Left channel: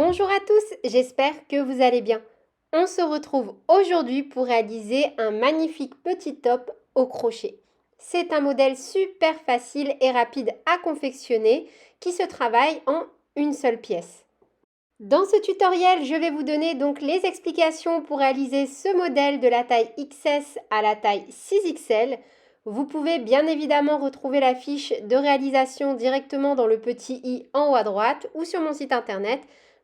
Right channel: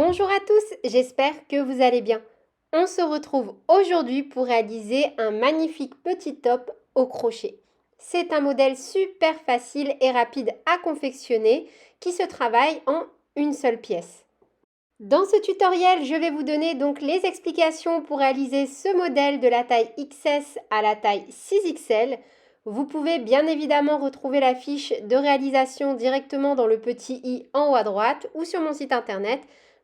Bonjour à tous, j'espère que vous allez bien. On se retrouve aujourd'hui pour réaliser un magnifique petit top au crochet. C'est un modèle super facile et rapide à confectionner qui se travaille en une seule pièce. Dans ce tutoriel, je vais vous donner donc les explications pour réaliser ce modèle de la taille XS à la taille 6XL. Vous pouvez bien évidemment retrouver la fiche de réalisation directement dans le petit i en haut à droite ou sur mon site internet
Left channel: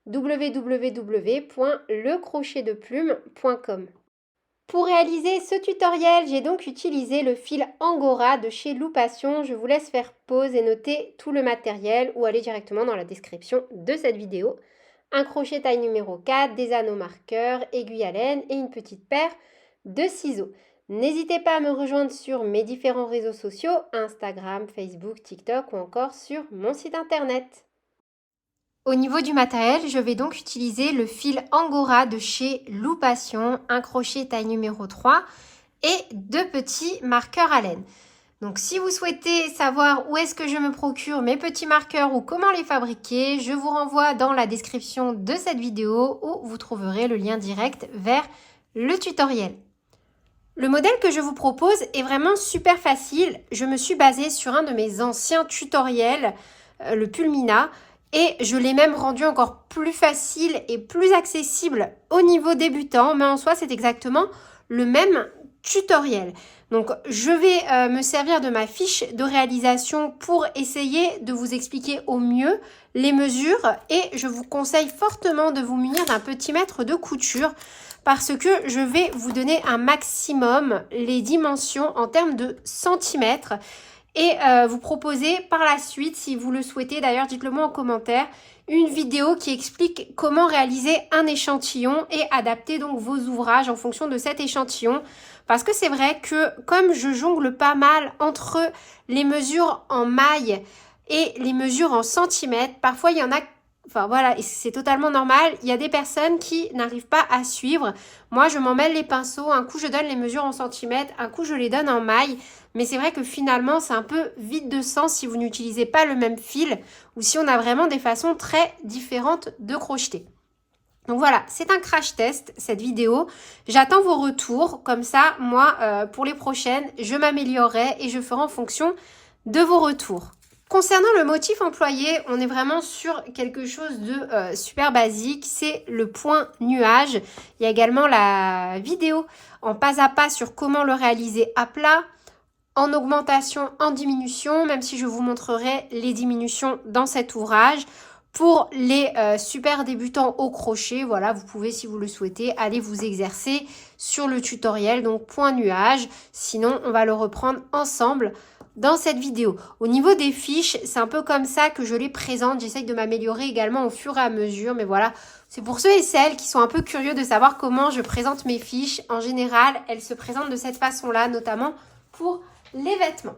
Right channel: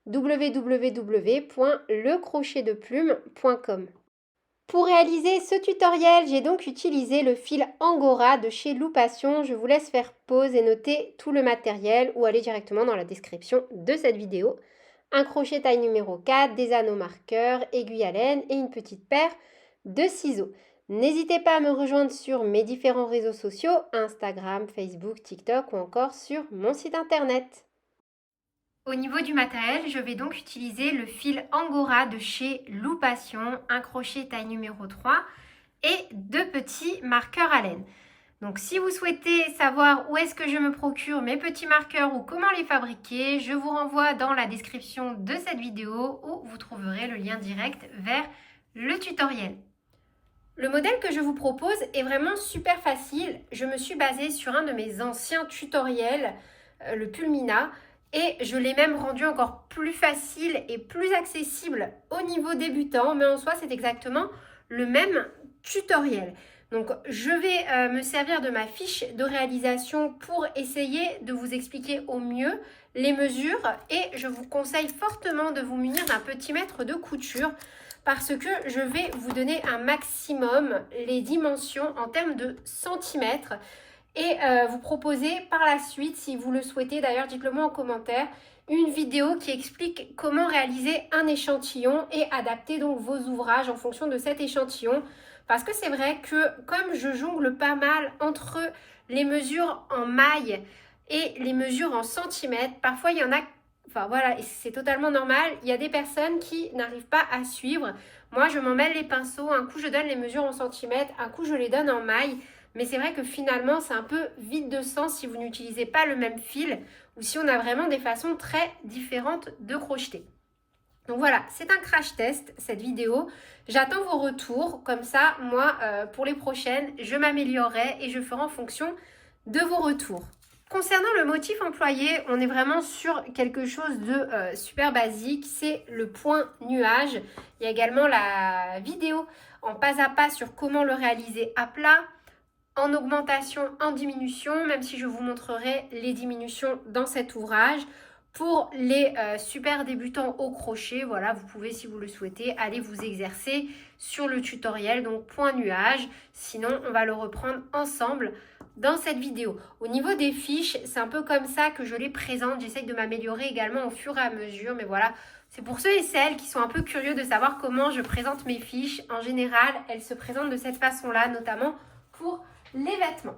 www.lecrochetdeplume.com. Pour réaliser ce tutoriel, j'ai donc utilisé le fil Angora de chez Loupation. Je vous laisse faire pause et noter tout le matériel ou aller directement dans la description de cette vidéo. Un crochet taille numéro 4, des anneaux marqueurs, aiguille à laine et une petite paire de ciseaux. N'hésitez pas à me rejoindre sur mes différents réseaux sociaux, Instagram, Facebook, TikTok ou encore sur mon site internet. Au niveau du matériel, je vais donc utiliser le fil Angora de chez Loupation, un crochet taille numéro 3 et deux petits marqueurs à laine. Donc si vous souhaitez savoir où est-ce que je me procure mes petits marqueurs ou comment les fabriquer, je vous renvoie dans la description de cette vidéo où vous trouverez le lien direct vers le tutoriel. Le modèle que je vous propose est vraiment super facile. Je me suis basée sur un de mes anciens tutoriels, le Pulmina, et je l'ai même rendu encore plus facile et plus accessible au niveau débutant, mais en soi c'est exactement le même tutoriel. Donc je vais me servir de ma fiche de réalisation pour essayer de vous expliquer au mieux les mesures et je vous conseille fortement de vous munir d'un petit mètre de couture parce que je vais vous donner un maximum les dimensions en termes de centimètres et vous proposer par la suite, si vous le souhaitez, d'ailleurs dites-le moi en commentaire, une vidéo qui explique comment réaliser un échantillon et adapter donc vos ouvrages en fonction de cet échantillon. Parce que c'est vrai que comme je jongle pas mal entre les mesures en mailles et les mesures en centimètres, parfois il y en a, enfin voilà, et c'est totalement normal, il y a des personnes qui n'arrivent pas à suivre. Moi je m'en mêle les pinceaux, un coup je donne les mesures en centimètres, un coup je les donne en mailles. Mais c'est vrai que finalement, c'est un peu vide de sens si vous n'utilisez pas le même fil ou si on a vraiment des façons très différentes de crocheter. Donc voilà, c'est un crash test, cette vidéo. J'attends vos retours. Comme ça, moi, pour les prochaines, je m'améliorerai et je ferai en fonction de vos retours. Concernant le motif employé, on est vraiment sur quelque chose de super basique. C'est le point nuage. Il y a également la vidéo en pas à pas sur comment le réaliser à plat, en augmentation, en diminution, même si je vous montrerai les diminutions dans cet ouvrage. Pour les super débutants au crochet, voilà, vous pouvez, si vous le souhaitez, aller vous exercer sur le tutoriel, donc point nuage. Sinon, on va le reprendre ensemble dans cette vidéo. Au niveau des fiches, c'est un peu comme ça que je les présente. J'essaye de m'améliorer également au fur et à mesure, mais voilà, c'est pour ceux et celles qui sont un peu curieux de savoir comment je présente mes fiches. En général, elles se présentent de cette façon-là, notamment pour les vêtements.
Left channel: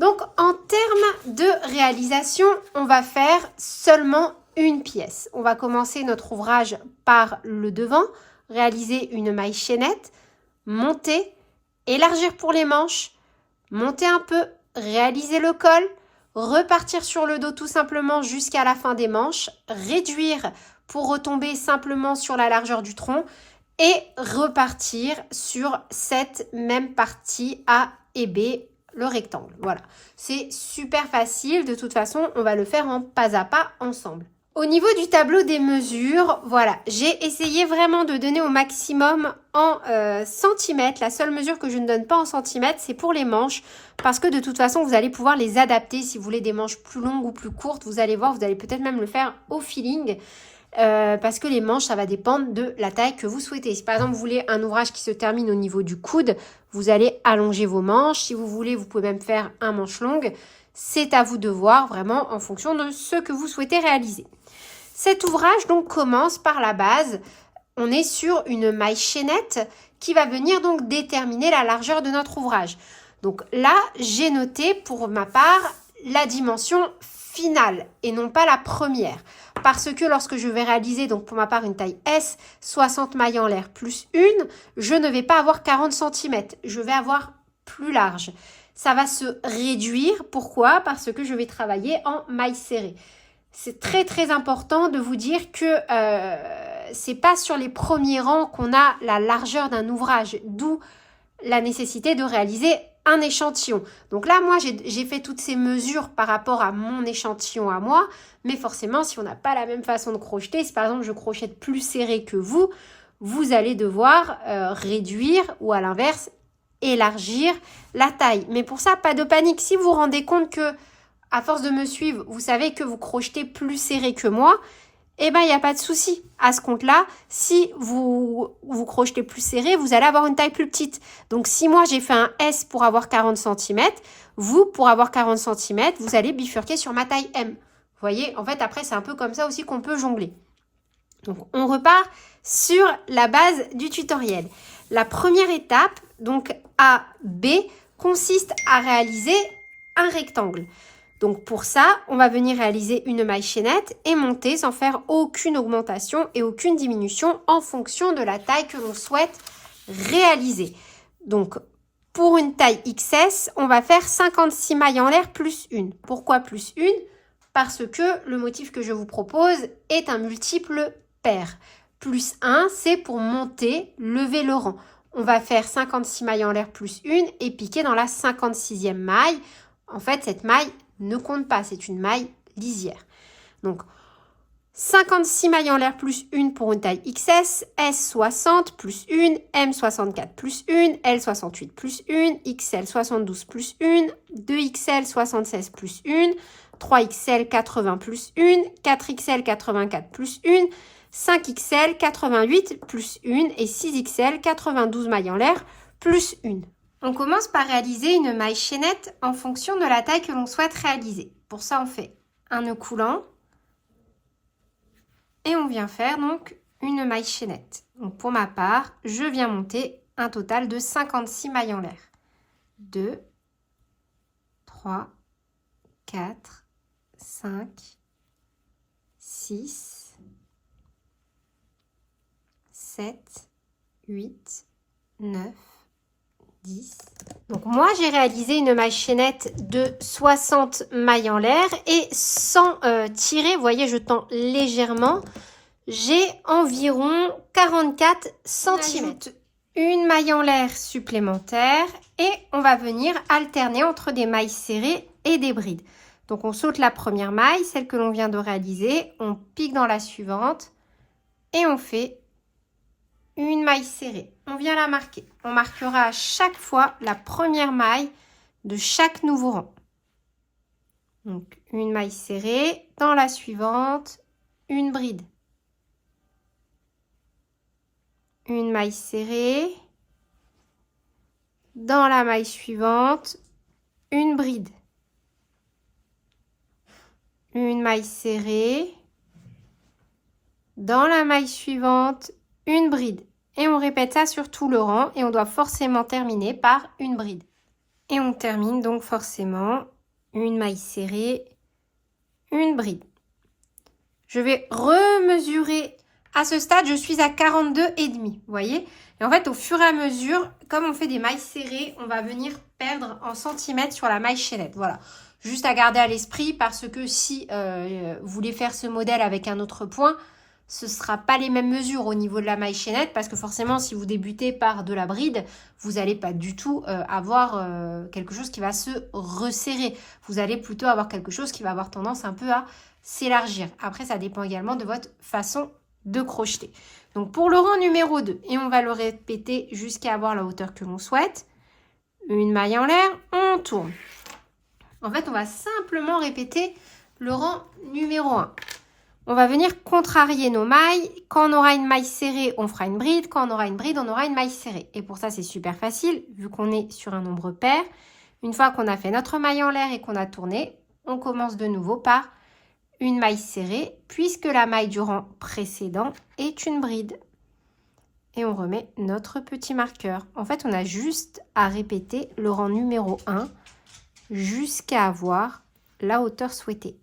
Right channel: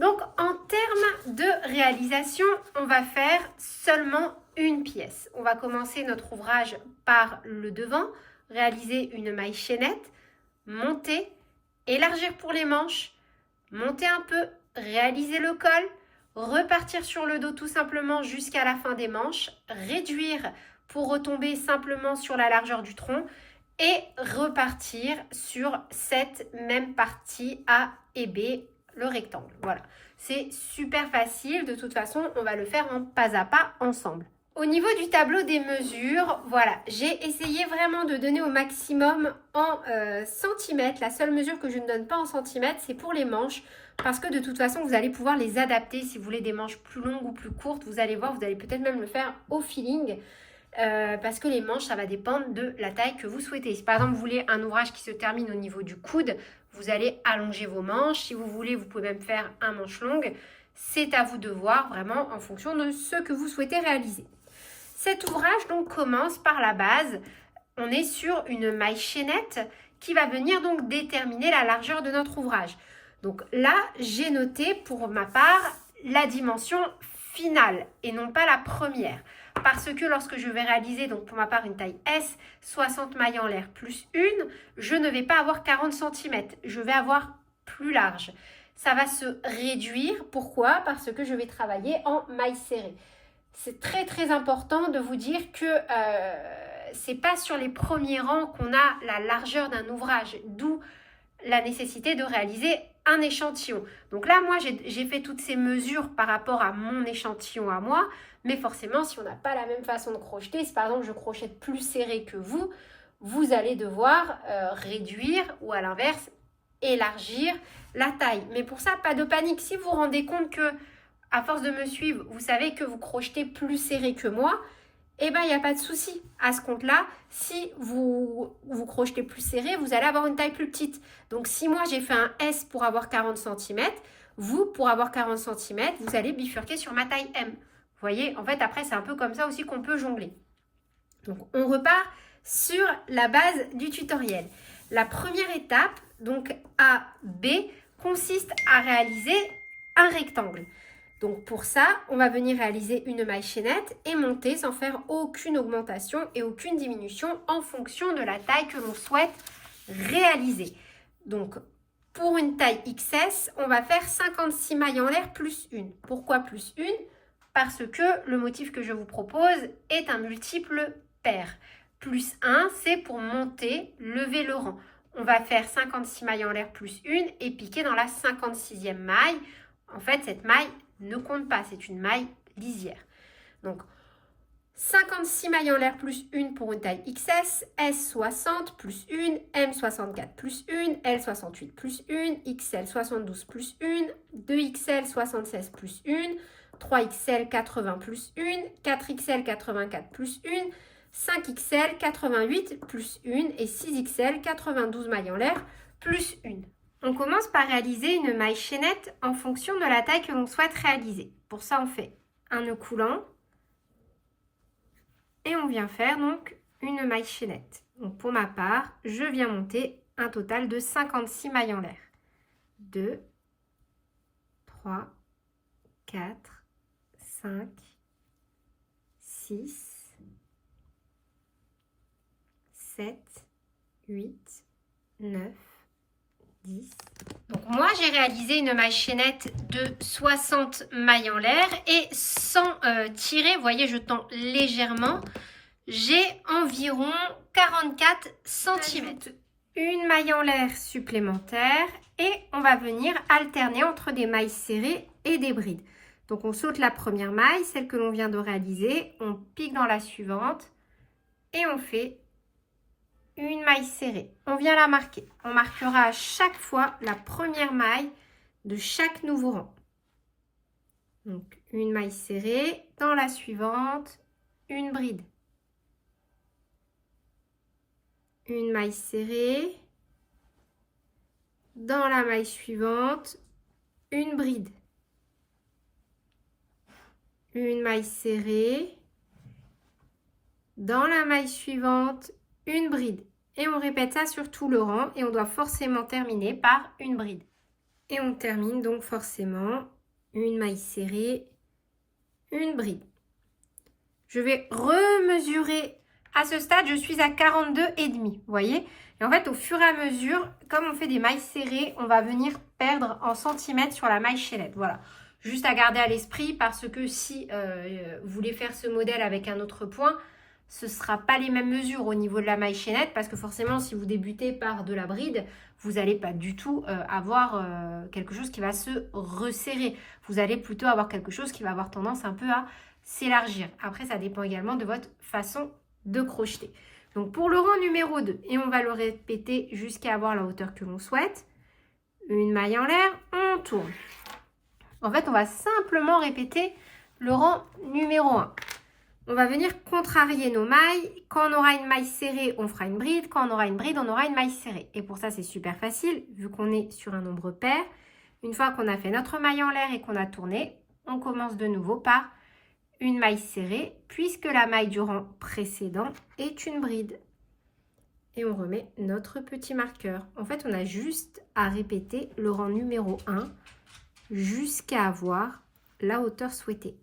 Donc en termes de réalisation, on va faire seulement une pièce. On va commencer notre ouvrage par le devant, réaliser une maille chaînette, monter, élargir pour les manches, monter un peu, réaliser le col, repartir sur le dos tout simplement jusqu'à la fin des manches, réduire pour retomber simplement sur la largeur du tronc et repartir sur cette même partie A et B, le rectangle. Voilà, c'est super facile. De toute façon, on va le faire en pas à pas ensemble. Au niveau du tableau des mesures, voilà, j'ai essayé vraiment de donner au maximum en centimètres. La seule mesure que je ne donne pas en centimètres, c'est pour les manches. Parce que de toute façon, vous allez pouvoir les adapter. Si vous voulez des manches plus longues ou plus courtes, vous allez voir, vous allez peut-être même le faire au feeling. Parce que les manches, ça va dépendre de la taille que vous souhaitez. Si par exemple, vous voulez un ouvrage qui se termine au niveau du coude, vous allez allonger vos manches. Si vous voulez, vous pouvez même faire un manche longue. C'est à vous de voir vraiment en fonction de ce que vous souhaitez réaliser. Cet ouvrage donc commence par la base. On est sur une maille chaînette qui va venir donc déterminer la largeur de notre ouvrage. Donc là, j'ai noté pour ma part la dimension finale et non pas la première. Parce que lorsque je vais réaliser, donc pour ma part, une taille S, 60 mailles en l'air plus une, je ne vais pas avoir 40 cm. Je vais avoir plus large. Ça va se réduire. Pourquoi? Parce que je vais travailler en maille serrée. c'est très très important de vous dire que c'est pas sur les premiers rangs qu'on a la largeur d'un ouvrage, d'où la nécessité de réaliser un échantillon. Donc là, moi, j'ai fait toutes ces mesures par rapport à mon échantillon à moi, mais forcément, si on n'a pas la même façon de crocheter, si par exemple je crochette plus serré que vous, vous allez devoir réduire ou à l'inverse, élargir la taille. Mais pour ça, pas de panique. Si vous vous rendez compte que, à force de me suivre, vous savez que vous crochetez plus serré que moi, eh bien, il n'y a pas de souci. À ce compte-là, si vous crochetez plus serré, vous allez avoir une taille plus petite. Donc, si moi, j'ai fait un S pour avoir 40 cm, vous, pour avoir 40 cm, vous allez bifurquer sur ma taille M. Vous voyez, en fait, après, c'est un peu comme ça aussi qu'on peut jongler. Donc, on repart sur la base du tutoriel. La première étape, donc A, B, consiste à réaliser un rectangle. Donc pour ça, on va venir réaliser une maille chaînette et monter sans faire aucune augmentation et aucune diminution en fonction de la taille que l'on souhaite réaliser. Donc pour une taille XS, on va faire 56 mailles en l'air plus une. Pourquoi plus une? Parce que le motif que je vous propose est un multiple pair. Plus 1, c'est pour monter, lever le rang. On va faire 56 mailles en l'air plus une et piquer dans la 56e maille. En fait, cette maille ne compte pas, c'est une maille lisière. Donc, 56 mailles en l'air plus 1 pour une taille XS, S60 plus 1, M64 plus 1, L68 plus 1, XL72 plus 1, 2XL76 plus 1, 3XL80 plus 1, 4XL84 plus 1, 5XL88 plus 1 et 6XL92 mailles en l'air plus 1. On commence par réaliser une maille chaînette en fonction de la taille que l'on souhaite réaliser. Pour ça, on fait un nœud coulant et on vient faire donc une maille chaînette. Donc pour ma part, je viens monter un total de 56 mailles en l'air. 2, 3, 4, 5, 6, 7, 8, 9, 10. Donc moi j'ai réalisé une maille chaînette de 60 mailles en l'air et sans tirer, vous voyez je tends légèrement, j'ai environ 44 cm. Une maille en l'air supplémentaire et on va venir alterner entre des mailles serrées et des brides. Donc on saute la première maille, celle que l'on vient de réaliser, on pique dans la suivante et on fait une maille serrée. On vient la marquer. On marquera à chaque fois la première maille de chaque nouveau rang. Donc, une maille serrée. Dans la suivante, une bride. Une maille serrée. Dans la maille suivante, une bride. Une maille serrée. Dans la maille suivante, une bride. Et on répète ça sur tout le rang et on doit forcément terminer par une bride. Et on termine donc forcément une maille serrée, une bride. Je vais remesurer. À ce stade, je suis à 42,5, vous voyez. Et en fait, au fur et à mesure, comme on fait des mailles serrées, on va venir perdre en centimètres sur la maille chaînette. Voilà. Juste à garder à l'esprit parce que si vous voulez faire ce modèle avec un autre point, ce ne sera pas les mêmes mesures au niveau de la maille chaînette parce que forcément, si vous débutez par de la bride, vous n'allez pas du tout avoir quelque chose qui va se resserrer. Vous allez plutôt avoir quelque chose qui va avoir tendance un peu à s'élargir. Après, ça dépend également de votre façon de crocheter. Donc, pour le rang numéro 2, et on va le répéter jusqu'à avoir la hauteur que l'on souhaite. Une maille en l'air, on tourne. En fait, on va simplement répéter le rang numéro 1. On va venir contrarier nos mailles. Quand on aura une maille serrée, on fera une bride. Quand on aura une bride, on aura une maille serrée. Et pour ça, c'est super facile, vu qu'on est sur un nombre pair. Une fois qu'on a fait notre maille en l'air et qu'on a tourné, on commence de nouveau par une maille serrée, puisque la maille du rang précédent est une bride. Et on remet notre petit marqueur. En fait, on a juste à répéter le rang numéro 1 jusqu'à avoir la hauteur souhaitée.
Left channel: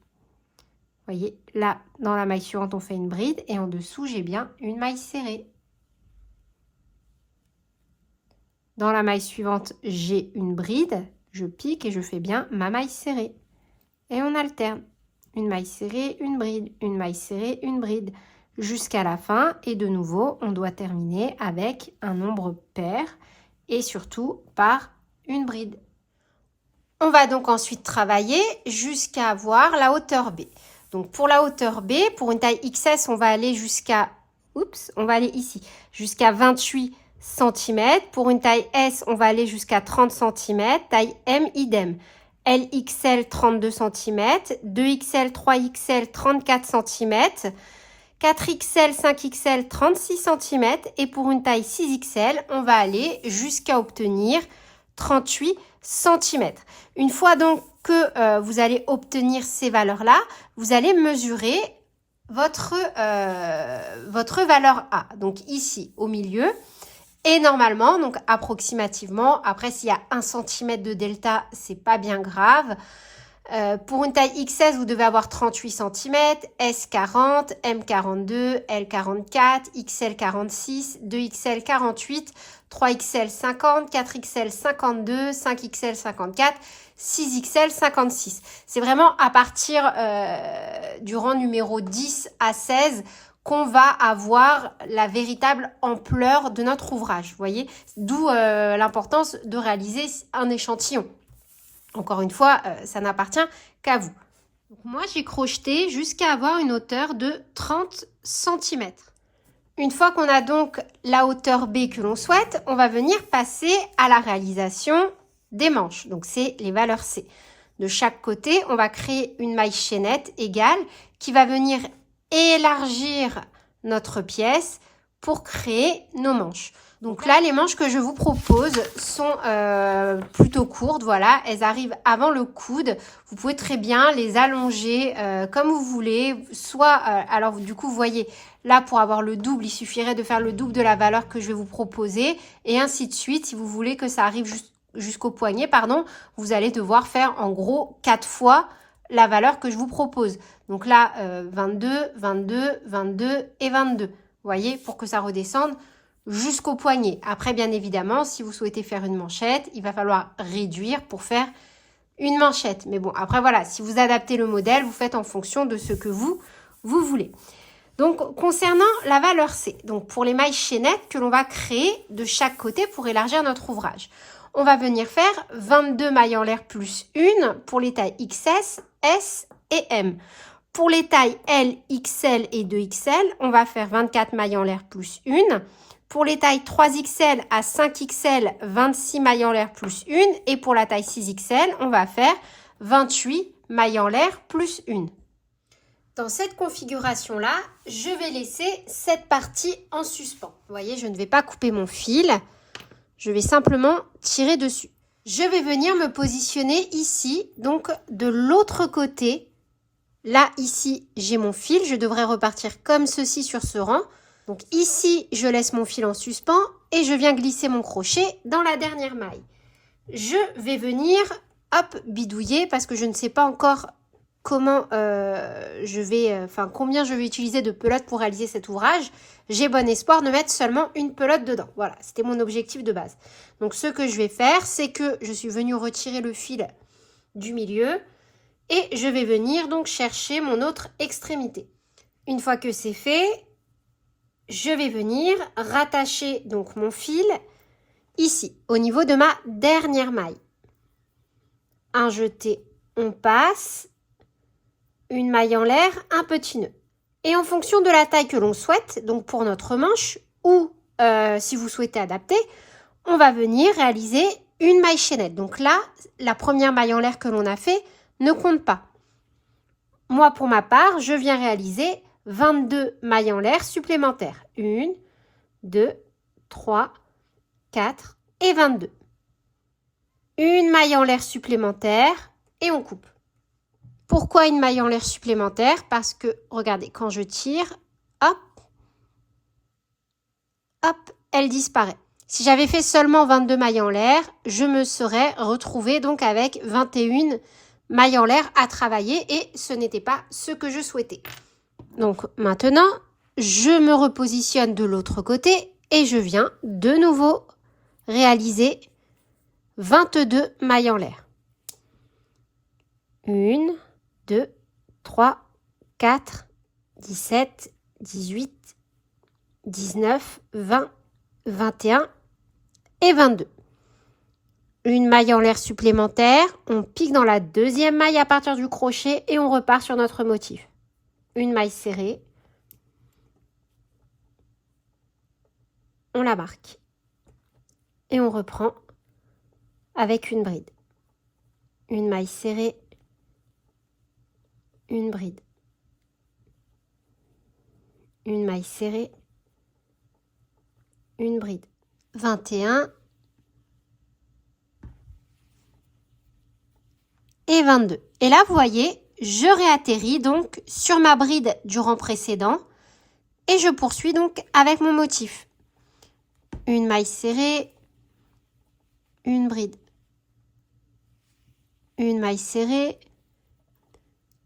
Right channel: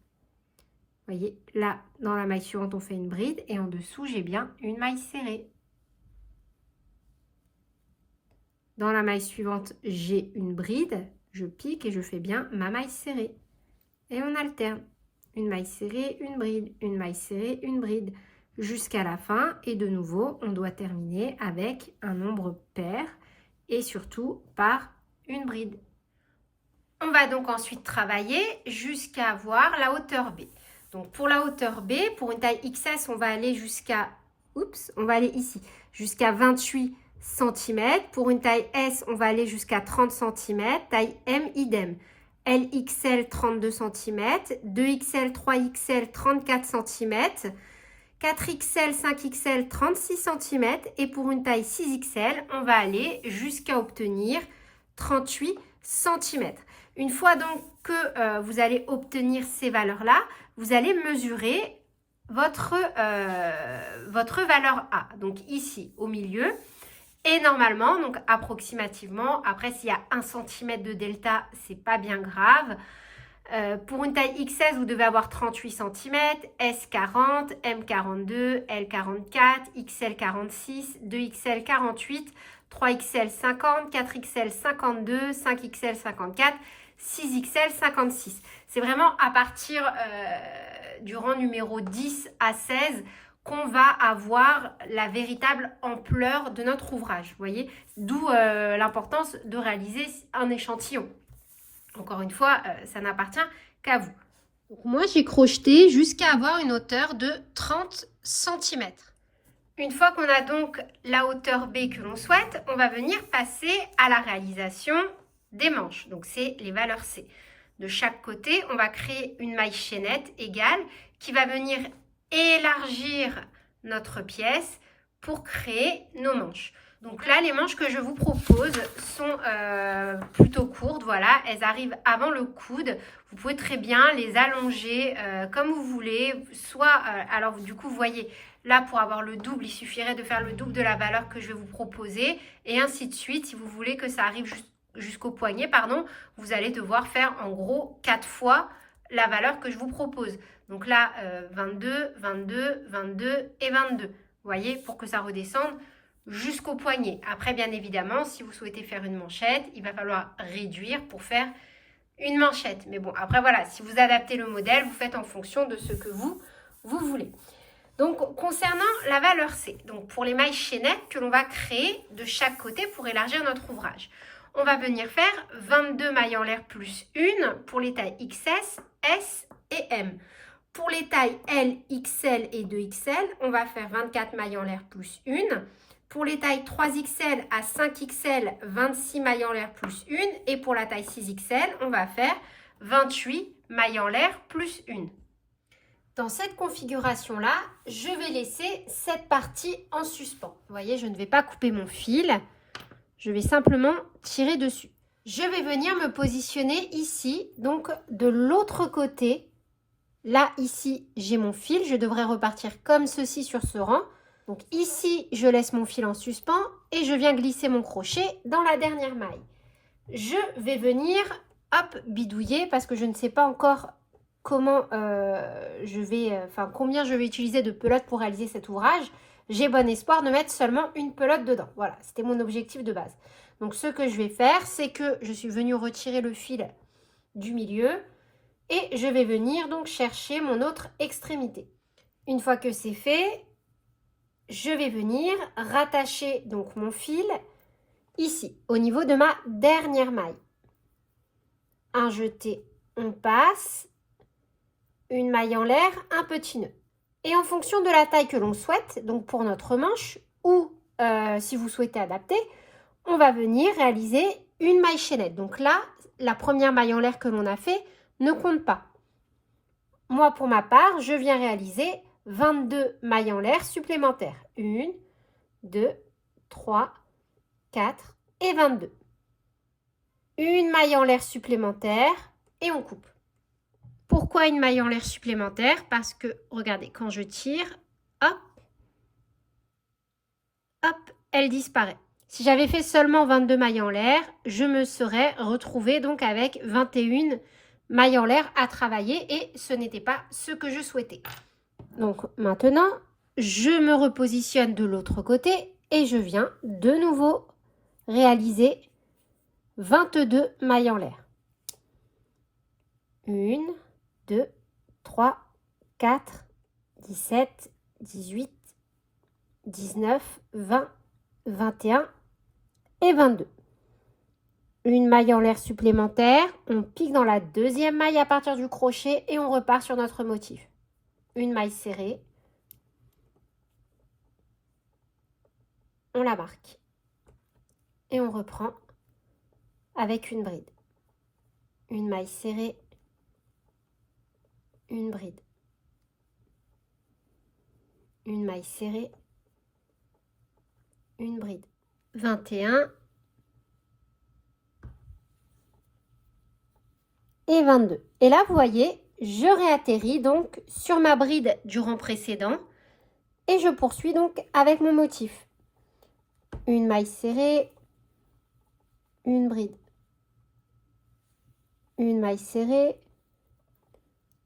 Vous voyez, là, dans la maille suivante, on fait une bride et en dessous, j'ai bien une maille serrée. Dans la maille suivante, j'ai une bride, je pique et je fais bien ma maille serrée. Et on alterne. une maille serrée, une bride, une maille serrée, une bride, jusqu'à la fin. Et de nouveau, on doit terminer avec un nombre pair et surtout par une bride. On va donc ensuite travailler jusqu'à avoir la hauteur B. Donc pour la hauteur B, pour une taille XS, on va aller jusqu'à, on va aller ici, jusqu'à 28 cm. Pour une taille S, on va aller jusqu'à 30 cm. Taille M, idem. LXL, 32 cm. 2XL, 3XL, 34 cm. 4XL, 5XL, 36 cm. Et pour une taille 6XL, on va aller jusqu'à obtenir 38 cm. Une fois donc que vous allez obtenir ces valeurs-là, vous allez mesurer votre valeur A. Donc ici, au milieu. Et normalement, donc approximativement, après s'il y a 1 cm de delta, c'est pas bien grave. Pour une taille XS, vous devez avoir 38 cm, S 40, M 42, L 44, XL 46, 2XL 48, 3XL 50, 4XL 52, 5XL 54, 6XL 56. C'est vraiment à partir du rang numéro 10 à 16 qu'on va avoir la véritable ampleur de notre ouvrage. Vous voyez, d'où l'importance de réaliser un échantillon. Encore une fois, ça n'appartient qu'à vous. Donc, moi, j'ai crocheté jusqu'à avoir une hauteur de 30 cm. Une fois qu'on a donc la hauteur B que l'on souhaite, on va venir passer à la réalisation des manches. Donc, c'est les valeurs C. De chaque côté, on va créer une maille chaînette égale qui va venir élargir notre pièce pour créer nos manches. Donc là, les manches que je vous propose sont plutôt courtes, voilà, elles arrivent avant le coude. Vous pouvez très bien les allonger comme vous voulez, soit, alors du coup, vous voyez, là, pour avoir le double, il suffirait de faire le double de la valeur que je vais vous proposer et ainsi de suite. Si vous voulez que ça arrive jusqu'au poignet, pardon, vous allez devoir faire en gros 4 fois la valeur que je vous propose. Donc là, 22, 22, 22 et 22. Vous voyez, pour que ça redescende jusqu'au poignet. Après, bien évidemment, si vous souhaitez faire une manchette, il va falloir réduire pour faire une manchette. Mais bon, après, voilà, si vous adaptez le modèle, vous faites en fonction de ce que vous voulez. Donc, concernant la valeur C, donc pour les mailles chaînettes que l'on va créer de chaque côté pour élargir notre ouvrage, on va venir faire 22 mailles en l'air plus 1 pour les tailles XS, S et M. Pour les tailles L, XL et 2XL, on va faire 24 mailles en l'air plus 1. Pour les tailles 3XL à 5XL, 26 mailles en l'air plus 1. Et pour la taille 6XL, on va faire 28 mailles en l'air plus 1. Dans cette configuration-là, je vais laisser cette partie en suspens. Vous voyez, je ne vais pas couper mon fil. Je vais simplement tirer dessus. Je vais venir me positionner ici, donc de l'autre côté. Là, ici, j'ai mon fil. Je devrais repartir comme ceci sur ce rang. Donc ici, je laisse mon fil en suspens et je viens glisser mon crochet dans la dernière maille. Je vais venir, hop, bidouiller parce que je ne sais pas encore comment combien je vais utiliser de pelotes pour réaliser cet ouvrage. J'ai bon espoir de mettre seulement une pelote dedans. Voilà, c'était mon objectif de base. Donc ce que je vais faire, c'est que je suis venue retirer le fil du milieu et je vais venir donc chercher mon autre extrémité. Une fois que c'est fait, je vais venir rattacher donc mon fil ici, au niveau de ma dernière maille. Un jeté, on passe, une maille en l'air, un petit nœud. Et en fonction de la taille que l'on souhaite, donc pour notre manche, ou si vous souhaitez adapter, on va venir réaliser une maille chaînette. Donc là, la première maille en l'air que l'on a fait ne compte pas. Moi, pour ma part, je viens réaliser 22 mailles en l'air supplémentaires. 1, 2, 3, 4 et 22. Une maille en l'air supplémentaire et on coupe. Pourquoi une maille en l'air supplémentaire? Parce que, regardez, quand je tire, hop, hop, elle disparaît. Si j'avais fait seulement 22 mailles en l'air, je me serais retrouvée donc avec 21 mailles en l'air à travailler et ce n'était pas ce que je souhaitais. Donc maintenant, je me repositionne de l'autre côté et je viens de nouveau réaliser 22 mailles en l'air. 1, 2, 3, 4, 17, 18, 19, 20, 21 et 22. Une maille en l'air supplémentaire, on pique dans la deuxième maille à partir du crochet et on repart sur notre motif. Une maille serrée, on la marque et on reprend avec une bride. Une maille serrée, une bride. Une maille serrée, une bride. 21 et 22. Et là, vous voyez, je réatterris donc sur ma bride du rang précédent et je poursuis donc avec mon motif. Une maille serrée, une bride. Une maille serrée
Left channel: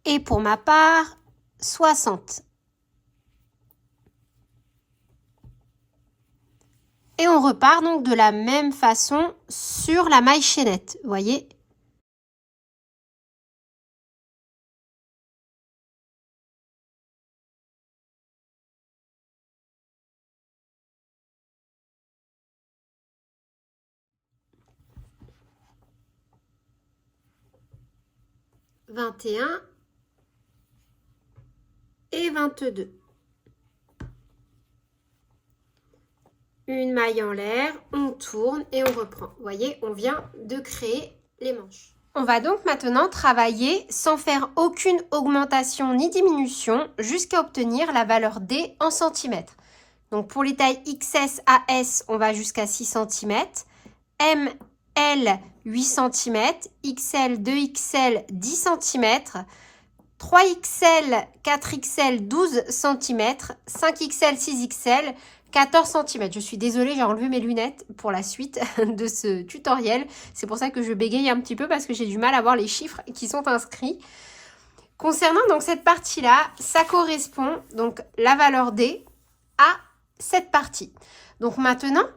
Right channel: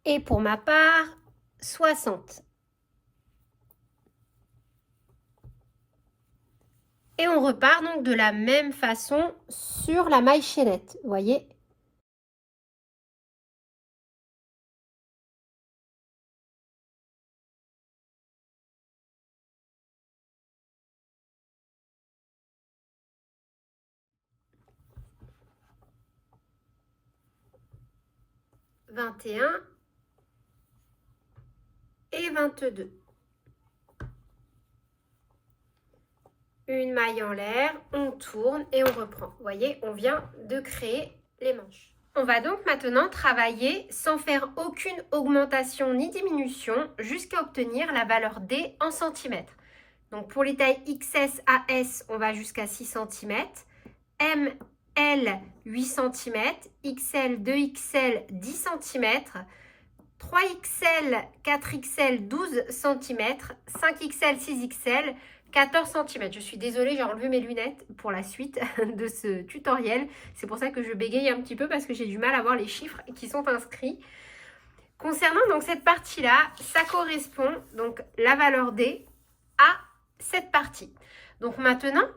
et pour ma part, 60. Et on repart donc de la même façon sur la maille chaînette, vous voyez. « 21 et 22. Une maille en l'air, on tourne et on reprend. Vous voyez, on vient de créer les manches. On va donc maintenant travailler sans faire aucune augmentation ni diminution jusqu'à obtenir la valeur D en centimètres. Donc pour les tailles XS à S, on va jusqu'à 6 cm, M, L 8 cm, XL 2XL 10 cm, 3XL 4XL 12 cm, 5XL 6XL 14 cm. Je suis désolée, j'ai enlevé mes lunettes pour la suite de ce tutoriel. C'est pour ça que je bégaye un petit peu parce que j'ai du mal à voir les chiffres qui sont inscrits. Concernant donc cette partie-là, ça correspond donc la valeur D à cette partie. Donc maintenant,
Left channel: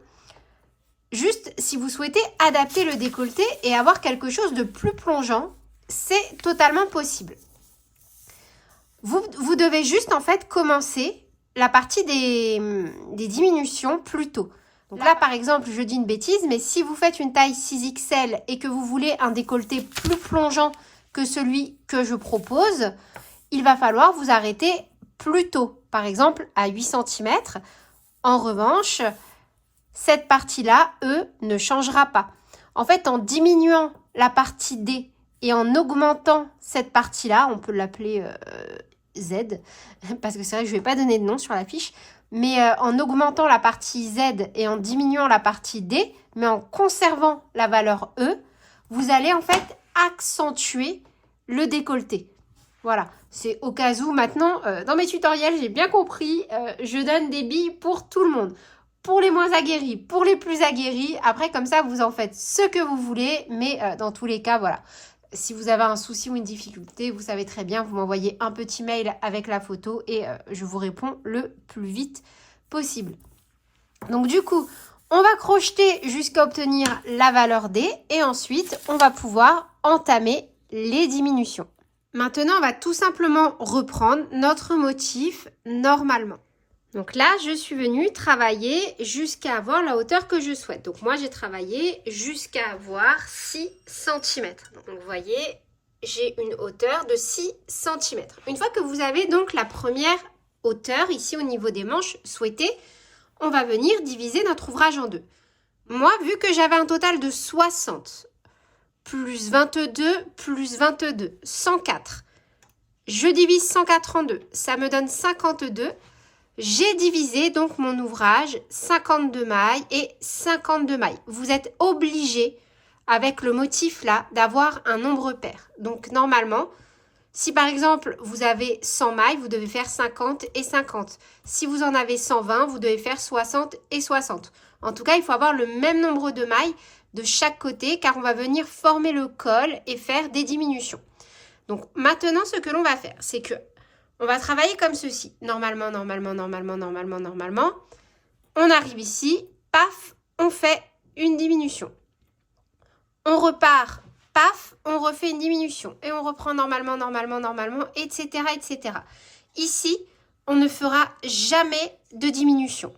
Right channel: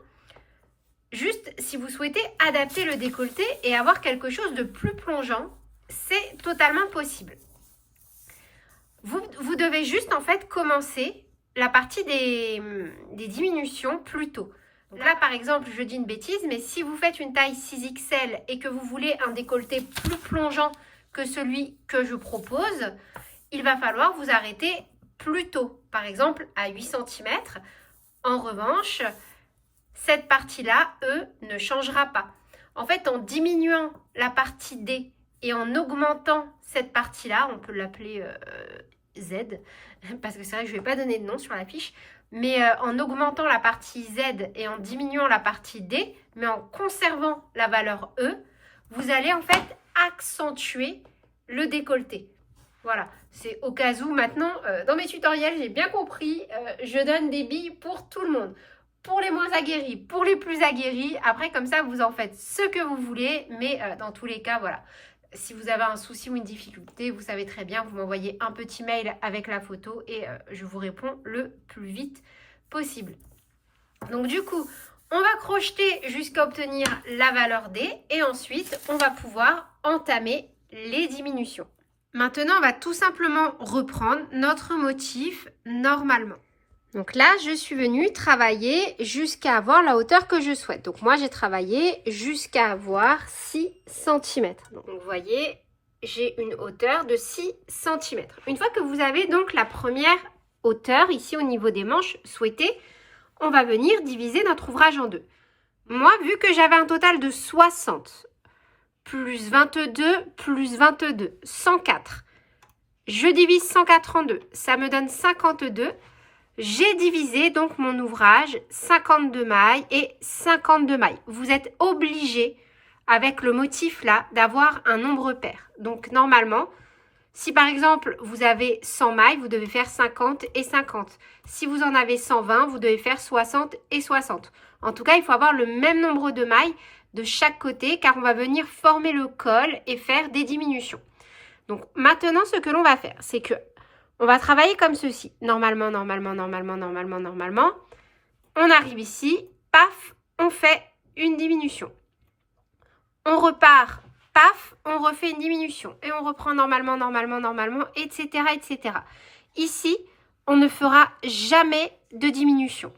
juste si vous souhaitez adapter le décolleté et avoir quelque chose de plus plongeant, c'est totalement possible. Vous devez juste en fait commencer la partie des diminutions plus tôt. Donc là, par exemple, je dis une bêtise, mais si vous faites une taille 6XL et que vous voulez un décolleté plus plongeant que celui que je propose, il va falloir vous arrêter plus tôt, par exemple à 8 cm. En revanche, cette partie-là, ne changera pas. En fait, en diminuant la partie D et en augmentant cette partie-là, on peut l'appeler Z, parce que c'est vrai que je ne vais pas donner de nom sur la fiche, mais en augmentant la partie Z et en diminuant la partie D, mais en conservant la valeur E, vous allez en fait accentuer le décolleté. Voilà, c'est au cas où maintenant, dans mes tutoriels, j'ai bien compris, je donne des billes pour tout le monde. Pour les moins aguerris, pour les plus aguerris. Après, comme ça, vous en faites ce que vous voulez, mais dans tous les cas, voilà. Si vous avez un souci ou une difficulté, vous savez très bien, vous m'envoyez un petit mail avec la photo et je vous réponds le plus vite possible. Donc du coup, on va crocheter jusqu'à obtenir la valeur D et ensuite, on va pouvoir entamer les diminutions. Maintenant, on va tout simplement reprendre notre motif normalement. Donc là, je suis venue travailler jusqu'à avoir la hauteur que je souhaite. Donc moi, j'ai travaillé jusqu'à avoir 6 cm. Donc vous voyez, j'ai une hauteur de 6 cm. Une fois que vous avez donc la première hauteur, ici au niveau des manches souhaitées, on va venir diviser notre ouvrage en deux. Moi, vu que j'avais un total de 60, plus 22, plus 22, 104, je divise 104 en deux. Ça me donne 52. J'ai divisé donc mon ouvrage 52 mailles et 52 mailles. Vous êtes obligé avec le motif là d'avoir un nombre pair. Donc normalement, si par exemple vous avez 100 mailles, vous devez faire 50 et 50. Si vous en avez 120, vous devez faire 60 et 60. En tout cas, il faut avoir le même nombre de mailles de chaque côté car on va venir former le col et faire des diminutions. Donc maintenant, ce que l'on va faire, c'est que on va travailler comme ceci. Normalement. On arrive ici, paf, on fait une diminution. On repart paf, on refait une diminution. Et on reprend normalement, etc., etc. Ici, on ne fera jamais de diminution.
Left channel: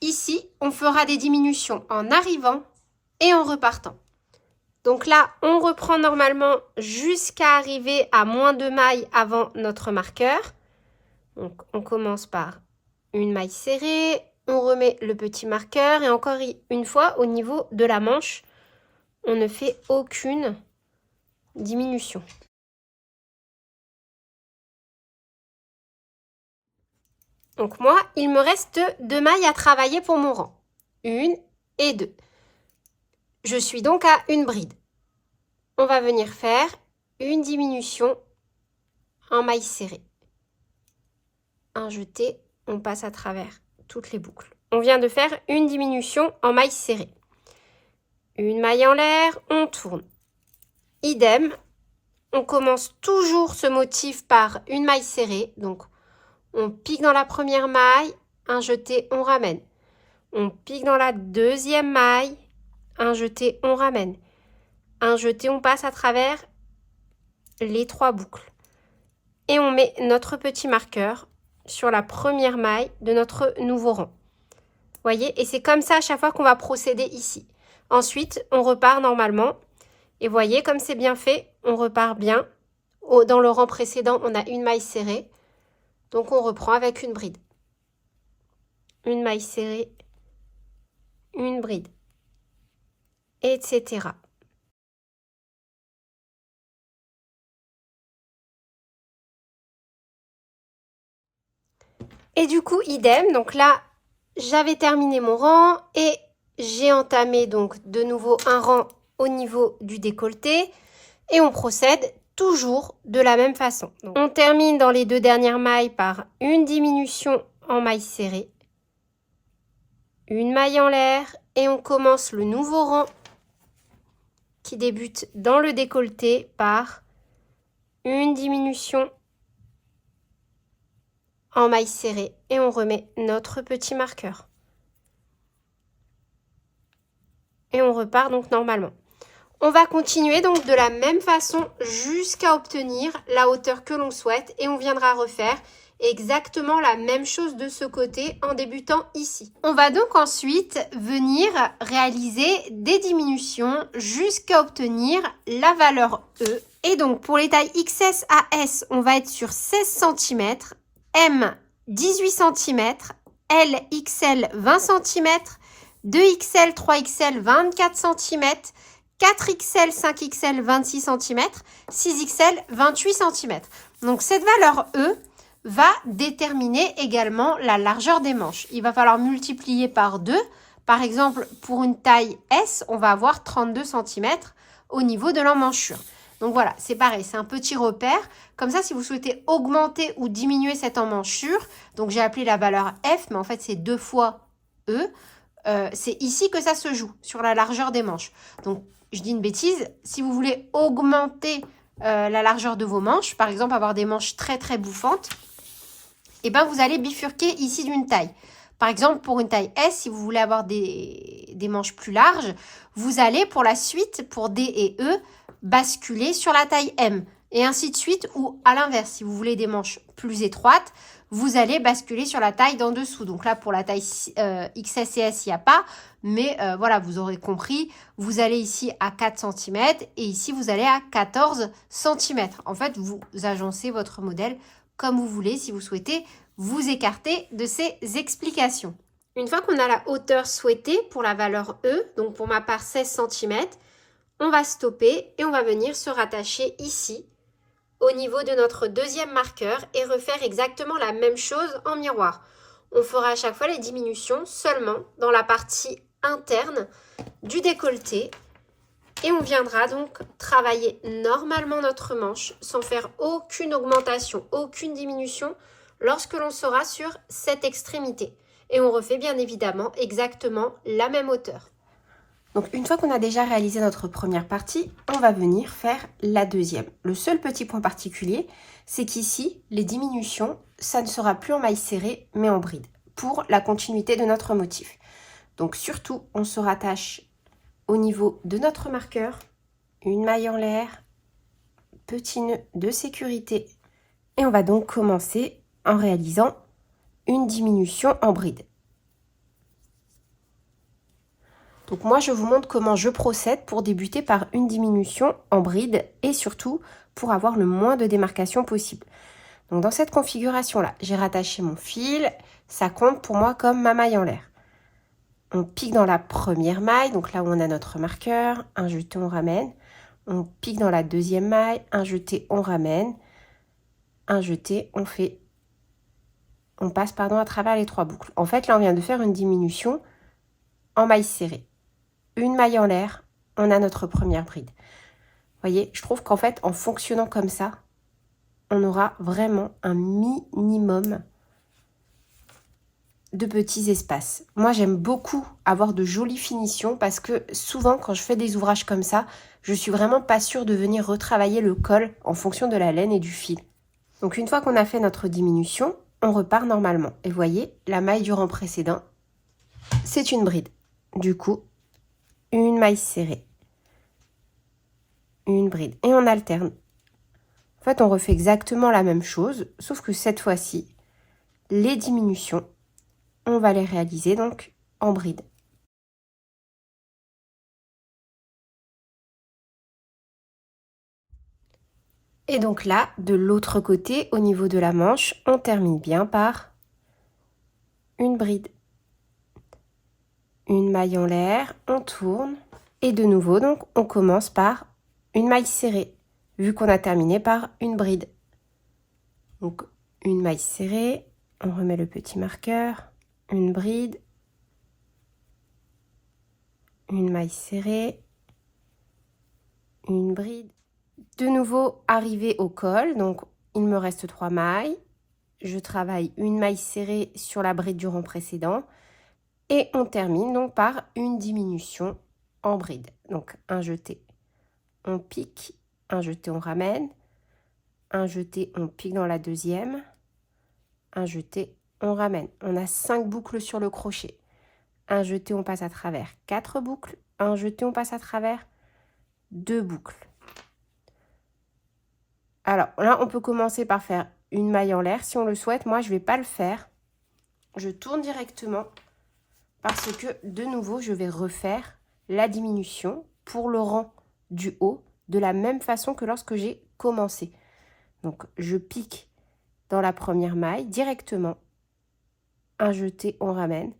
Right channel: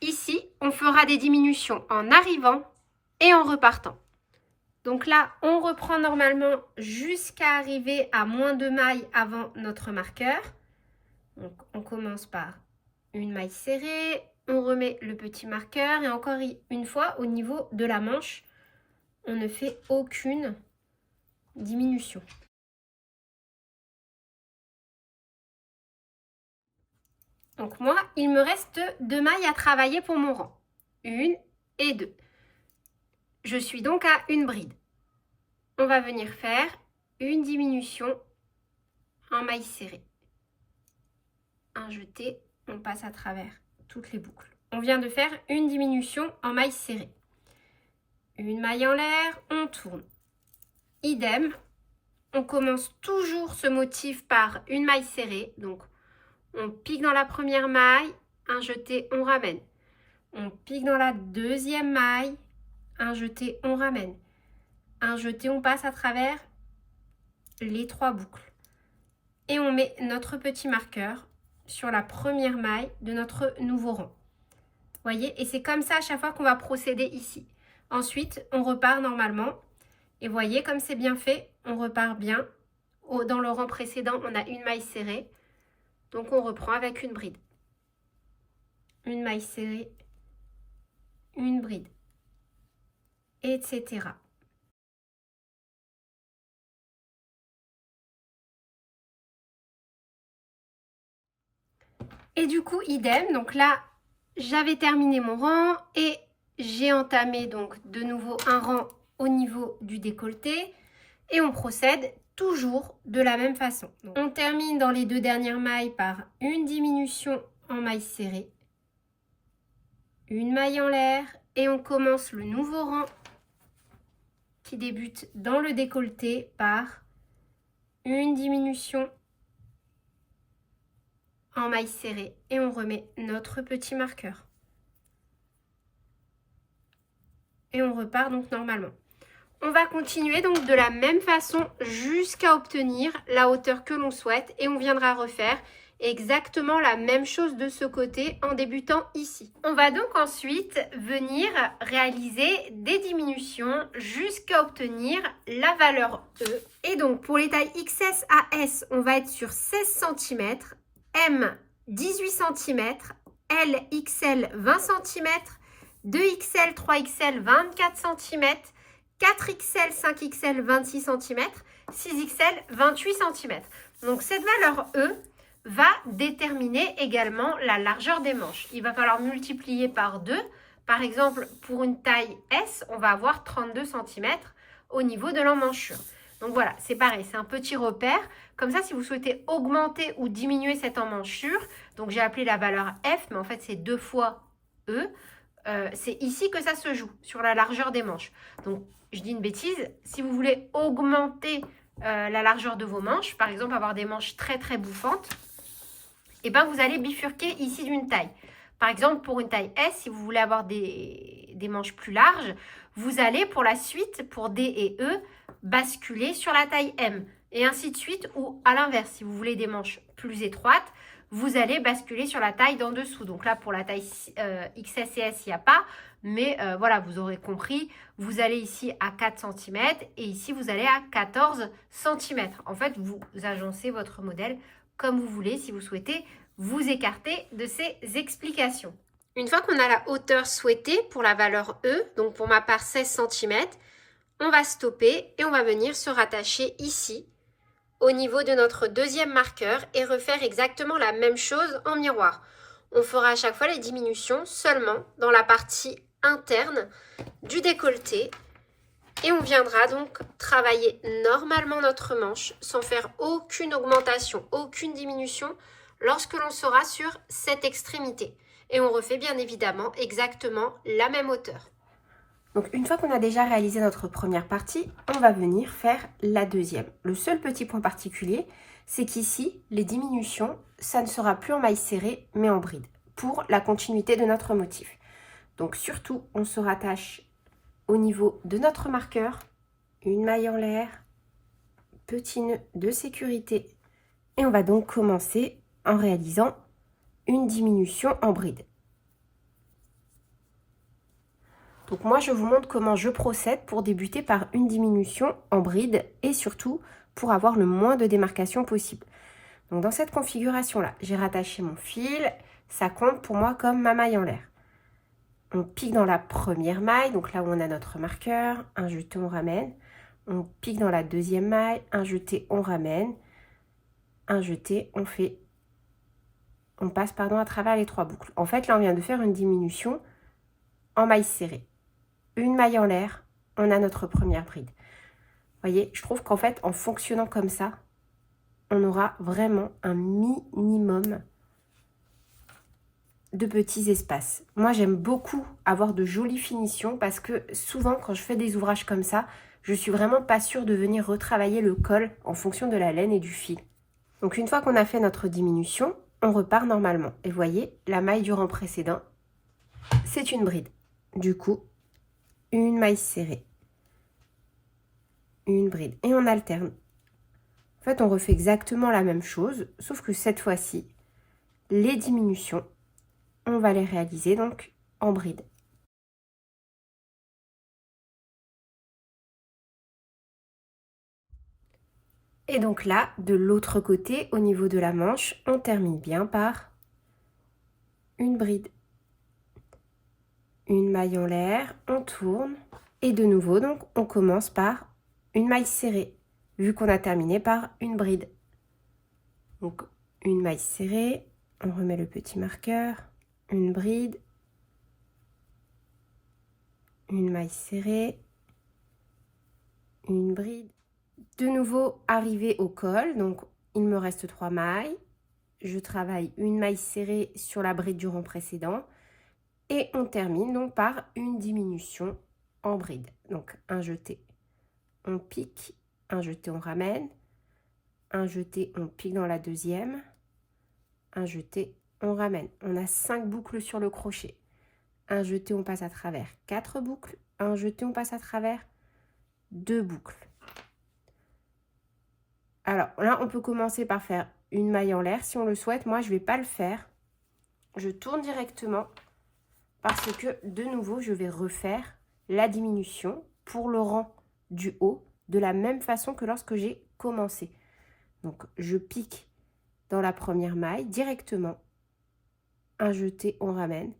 Ici, on fera des diminutions en arrivant et en repartant. Donc là, on reprend normalement jusqu'à arriver à moins 2 mailles avant notre marqueur. Donc, on commence par une maille serrée, on remet le petit marqueur et encore une fois, au niveau de la manche, on ne fait aucune diminution. Donc moi, il me reste 2 mailles à travailler pour mon rang. 1 et 2. Je suis donc à une bride. On va venir faire une diminution en maille serrée. Un jeté, on passe à travers toutes les boucles. On vient de faire une diminution en maille serrée. Une maille en l'air, on tourne. Idem, on commence toujours ce motif par une maille serrée. Donc, on pique dans la première maille, un jeté, on ramène. On pique dans la deuxième maille, un jeté, on ramène. Un jeté, on passe à travers les 3 boucles. Et on met notre petit marqueur sur la première maille de notre nouveau rang. Vous voyez? Et c'est comme ça à chaque fois qu'on va procéder ici. Ensuite, on repart normalement. Et voyez, comme c'est bien fait, on repart bien. Dans le rang précédent, on a une maille serrée. Donc, on reprend avec une bride. Une maille serrée, une bride, etc. Et du coup, idem. Donc là, j'avais terminé mon rang et j'ai entamé donc de nouveau un rang au niveau du décolleté. Et on procède toujours de la même façon. Donc, on termine dans les 2 dernières mailles par une diminution en maille serrée. Une maille en l'air et on commence le nouveau rang qui débute dans le décolleté par une diminution en maille serrée et on remet notre petit marqueur. Et on repart donc normalement. On va continuer donc de la même façon jusqu'à obtenir la hauteur que l'on souhaite et on viendra refaire exactement la même chose de ce côté en débutant ici. On va donc ensuite venir réaliser des diminutions jusqu'à obtenir la valeur E. Et donc pour les tailles XS à S, on va être sur 16 cm, M 18 cm, L XL 20 cm, 2XL, 3XL 24 cm, 4XL, 5XL 26 cm, 6XL 28 cm. Donc cette valeur E va déterminer également la largeur des manches. Il va falloir multiplier par 2. Par exemple, pour une taille S, on va avoir 32 cm au niveau de l'emmanchure. Donc voilà, c'est pareil, c'est un petit repère. Comme ça, si vous souhaitez augmenter ou diminuer cette emmanchure, donc j'ai appelé la valeur F, mais en fait c'est 2 fois E. C'est ici que ça se joue, sur la largeur des manches. Donc, je dis une bêtise, si vous voulez augmenter la largeur de vos manches, par exemple avoir des manches très très bouffantes, et ben vous allez bifurquer ici d'une taille. Par exemple, pour une taille S, si vous voulez avoir des manches plus larges, vous allez pour la suite, pour D et E, basculer sur la taille M. Et ainsi de suite, ou à l'inverse, si vous voulez des manches plus étroites, vous allez basculer sur la taille d'en dessous. Donc là, pour la taille XS et S, il n'y a pas. Mais voilà, vous aurez compris, vous allez ici à 4 cm et ici, vous allez à 14 cm. En fait, vous agencez votre modèle comme vous voulez si vous souhaitez vous écarter de ces explications. Une fois qu'on a la hauteur souhaitée pour la valeur E, donc pour ma part 16 cm, on va stopper et on va venir se rattacher ici au niveau de notre deuxième marqueur et refaire exactement la même chose en miroir. On fera à chaque fois les diminutions seulement dans la partie interne du décolleté et on viendra donc travailler normalement notre manche sans faire aucune augmentation, aucune diminution lorsque l'on sera sur cette extrémité. Et on refait bien évidemment exactement la même hauteur. Donc une fois qu'on a déjà réalisé notre première partie, on va venir faire la deuxième. Le seul petit point particulier, c'est qu'ici, les diminutions, ça ne sera plus en maille serrée, mais en bride, pour la continuité de notre motif. Donc surtout, on se rattache au niveau de notre marqueur une maille en l'air, petit nœud de sécurité. Et on va donc commencer en réalisant une diminution en bride. Donc moi, je vous montre comment je procède pour débuter par une diminution en bride et surtout pour avoir le moins de démarcation possible. Donc dans cette configuration-là, j'ai rattaché mon fil, ça compte pour moi comme ma maille en l'air. On pique dans la première maille, donc là où on a notre marqueur, un jeté, on ramène. On pique dans la deuxième maille, un jeté, on ramène. Un jeté, on passe à travers les 3 boucles. En fait, là, on vient de faire une diminution en maille serrée. Une maille en l'air, on a notre première bride. Vous voyez, je trouve qu'en fait, en fonctionnant comme ça, on aura vraiment un minimum de petits espaces. Moi, j'aime beaucoup avoir de jolies finitions parce que souvent, quand je fais des ouvrages comme ça, je suis vraiment pas sûre de venir retravailler le col en fonction de la laine et du fil. Donc, une fois qu'on a fait notre diminution, on repart normalement. Et vous voyez, la maille du rang précédent, c'est une bride. Du coup, une maille serrée, une bride. Et on alterne. En fait, on refait exactement la même chose, sauf que cette fois-ci, les diminutions, on va les réaliser donc en bride. Et donc là, de l'autre côté, au niveau de la manche, on termine bien par une bride. Une maille en l'air, on tourne. Et de nouveau, donc, on commence par une maille serrée, vu qu'on a terminé par une bride. Donc, une maille serrée, on remet le petit marqueur, une bride, une maille serrée, une bride. De nouveau, arrivé au col, donc il me reste 3 mailles. Je travaille une maille serrée sur la bride du rang précédent et on termine donc par une diminution en bride. Donc un jeté, on pique, un jeté, on ramène, un jeté, on pique dans la deuxième, un jeté, on ramène. On a 5 boucles sur le crochet. Un jeté, on passe à travers 4 boucles, un jeté, on passe à travers 2 boucles. Alors là, on peut commencer par faire une maille en l'air si on le souhaite. Moi, je ne vais pas le faire. Je tourne directement parce que, de nouveau, je vais refaire la diminution pour le rang du haut de la même façon que lorsque j'ai commencé. Donc, je pique dans la première maille directement. Un jeté, on ramène.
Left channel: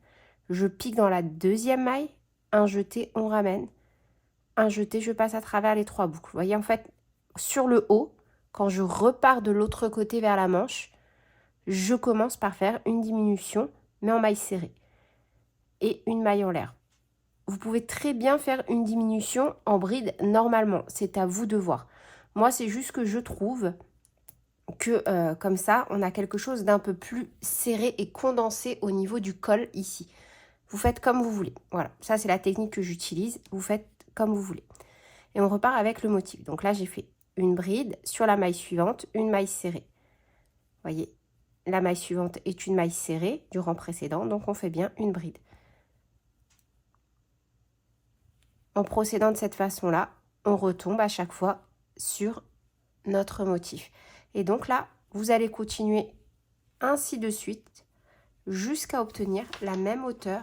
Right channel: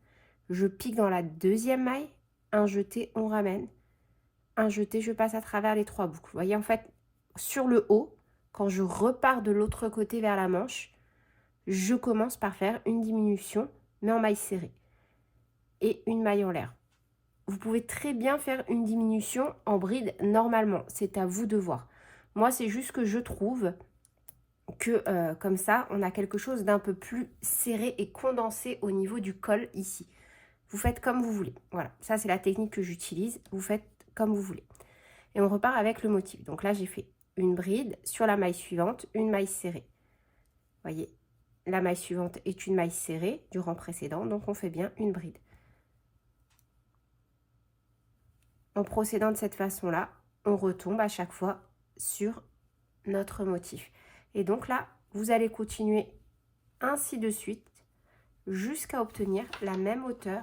Je pique dans la deuxième maille. Un jeté, on ramène. Un jeté, je passe à travers les 3 boucles. Vous voyez, en fait, sur le haut, quand je repars de l'autre côté vers la manche, je commence par faire une diminution, mais en maille serrée. Et une maille en l'air. Vous pouvez très bien faire une diminution en bride normalement. C'est à vous de voir. Moi, c'est juste que je trouve que comme ça, on a quelque chose d'un peu plus serré et condensé au niveau du col ici. Vous faites comme vous voulez. Voilà, ça c'est la technique que j'utilise. Vous faites comme vous voulez. Et on repart avec le motif. Donc là, j'ai fait une bride sur la maille suivante, une maille serrée. Vous voyez, la maille suivante est une maille serrée du rang précédent, donc on fait bien une bride. En procédant de cette façon-là, on retombe à chaque fois sur notre motif. Et donc là, vous allez continuer ainsi de suite jusqu'à obtenir la même hauteur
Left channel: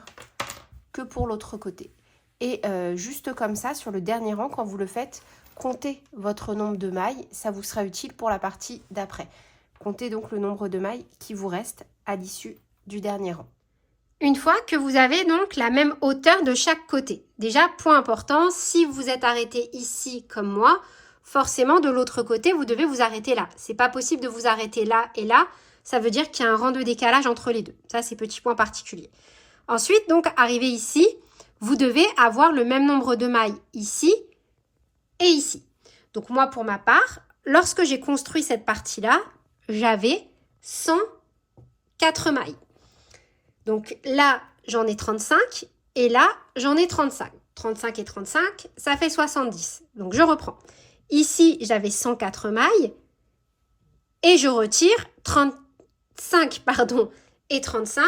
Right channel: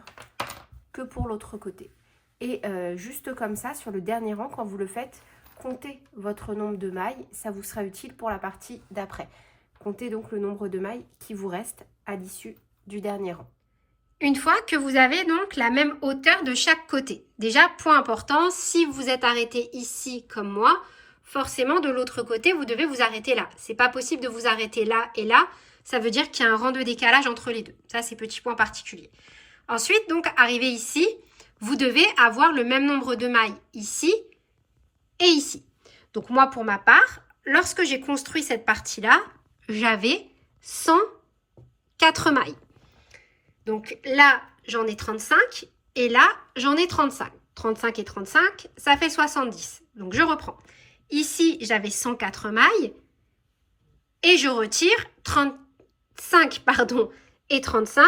que pour l'autre côté. Et juste comme ça, sur le dernier rang, quand vous le faites, comptez votre nombre de mailles, ça vous sera utile pour la partie d'après. Comptez donc le nombre de mailles qui vous reste à l'issue du dernier rang. Une fois que vous avez donc la même hauteur de chaque côté. Déjà, point important, si vous êtes arrêté ici comme moi, forcément de l'autre côté, vous devez vous arrêter là. C'est pas possible de vous arrêter là et là. Ça veut dire qu'il y a un rang de décalage entre les deux. Ça, c'est petit point particulier. Ensuite, donc, arrivé ici, vous devez avoir le même nombre de mailles ici et ici. Donc, moi, pour ma part, lorsque j'ai construit cette partie-là, j'avais 104 mailles. Donc là, j'en ai 35 et là, j'en ai 35. 35 et 35, ça fait 70. Donc, je reprends. Ici, j'avais 104 mailles et je retire 35 et 35.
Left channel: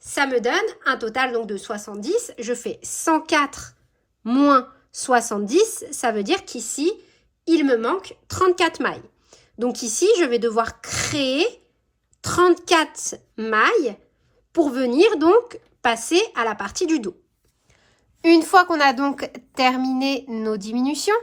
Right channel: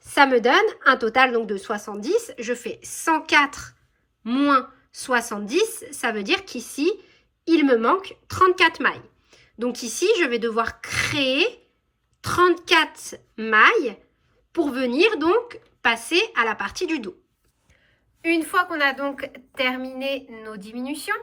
Ça me donne un total donc de 70. Je fais 104 moins 70, ça veut dire qu'ici, il me manque 34 mailles. Donc ici, je vais devoir créer 34 mailles pour venir donc passer à la partie du dos. Une fois qu'on a donc terminé nos diminutions,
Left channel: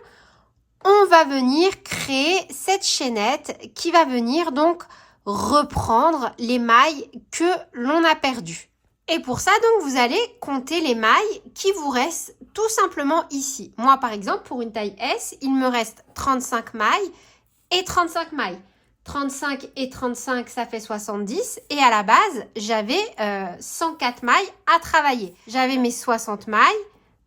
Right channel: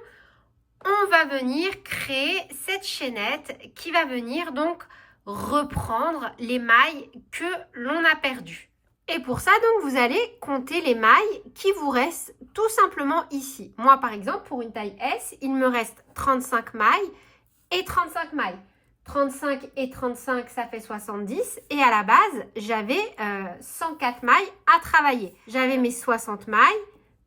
on va venir créer cette chaînette qui va venir donc reprendre les mailles que l'on a perdues. Et pour ça, donc, vous allez compter les mailles qui vous restent tout simplement ici. Moi, par exemple, pour une taille S, il me reste 35 mailles et 35 mailles. 35 et 35, ça fait 70. Et à la base, j'avais 104 mailles à travailler. J'avais mes 60 mailles,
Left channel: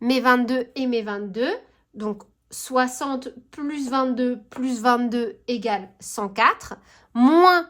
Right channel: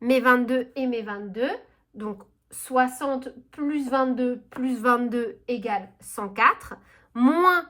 mes 22 et mes 22. Donc, 60 plus 22 égale 104. Moins,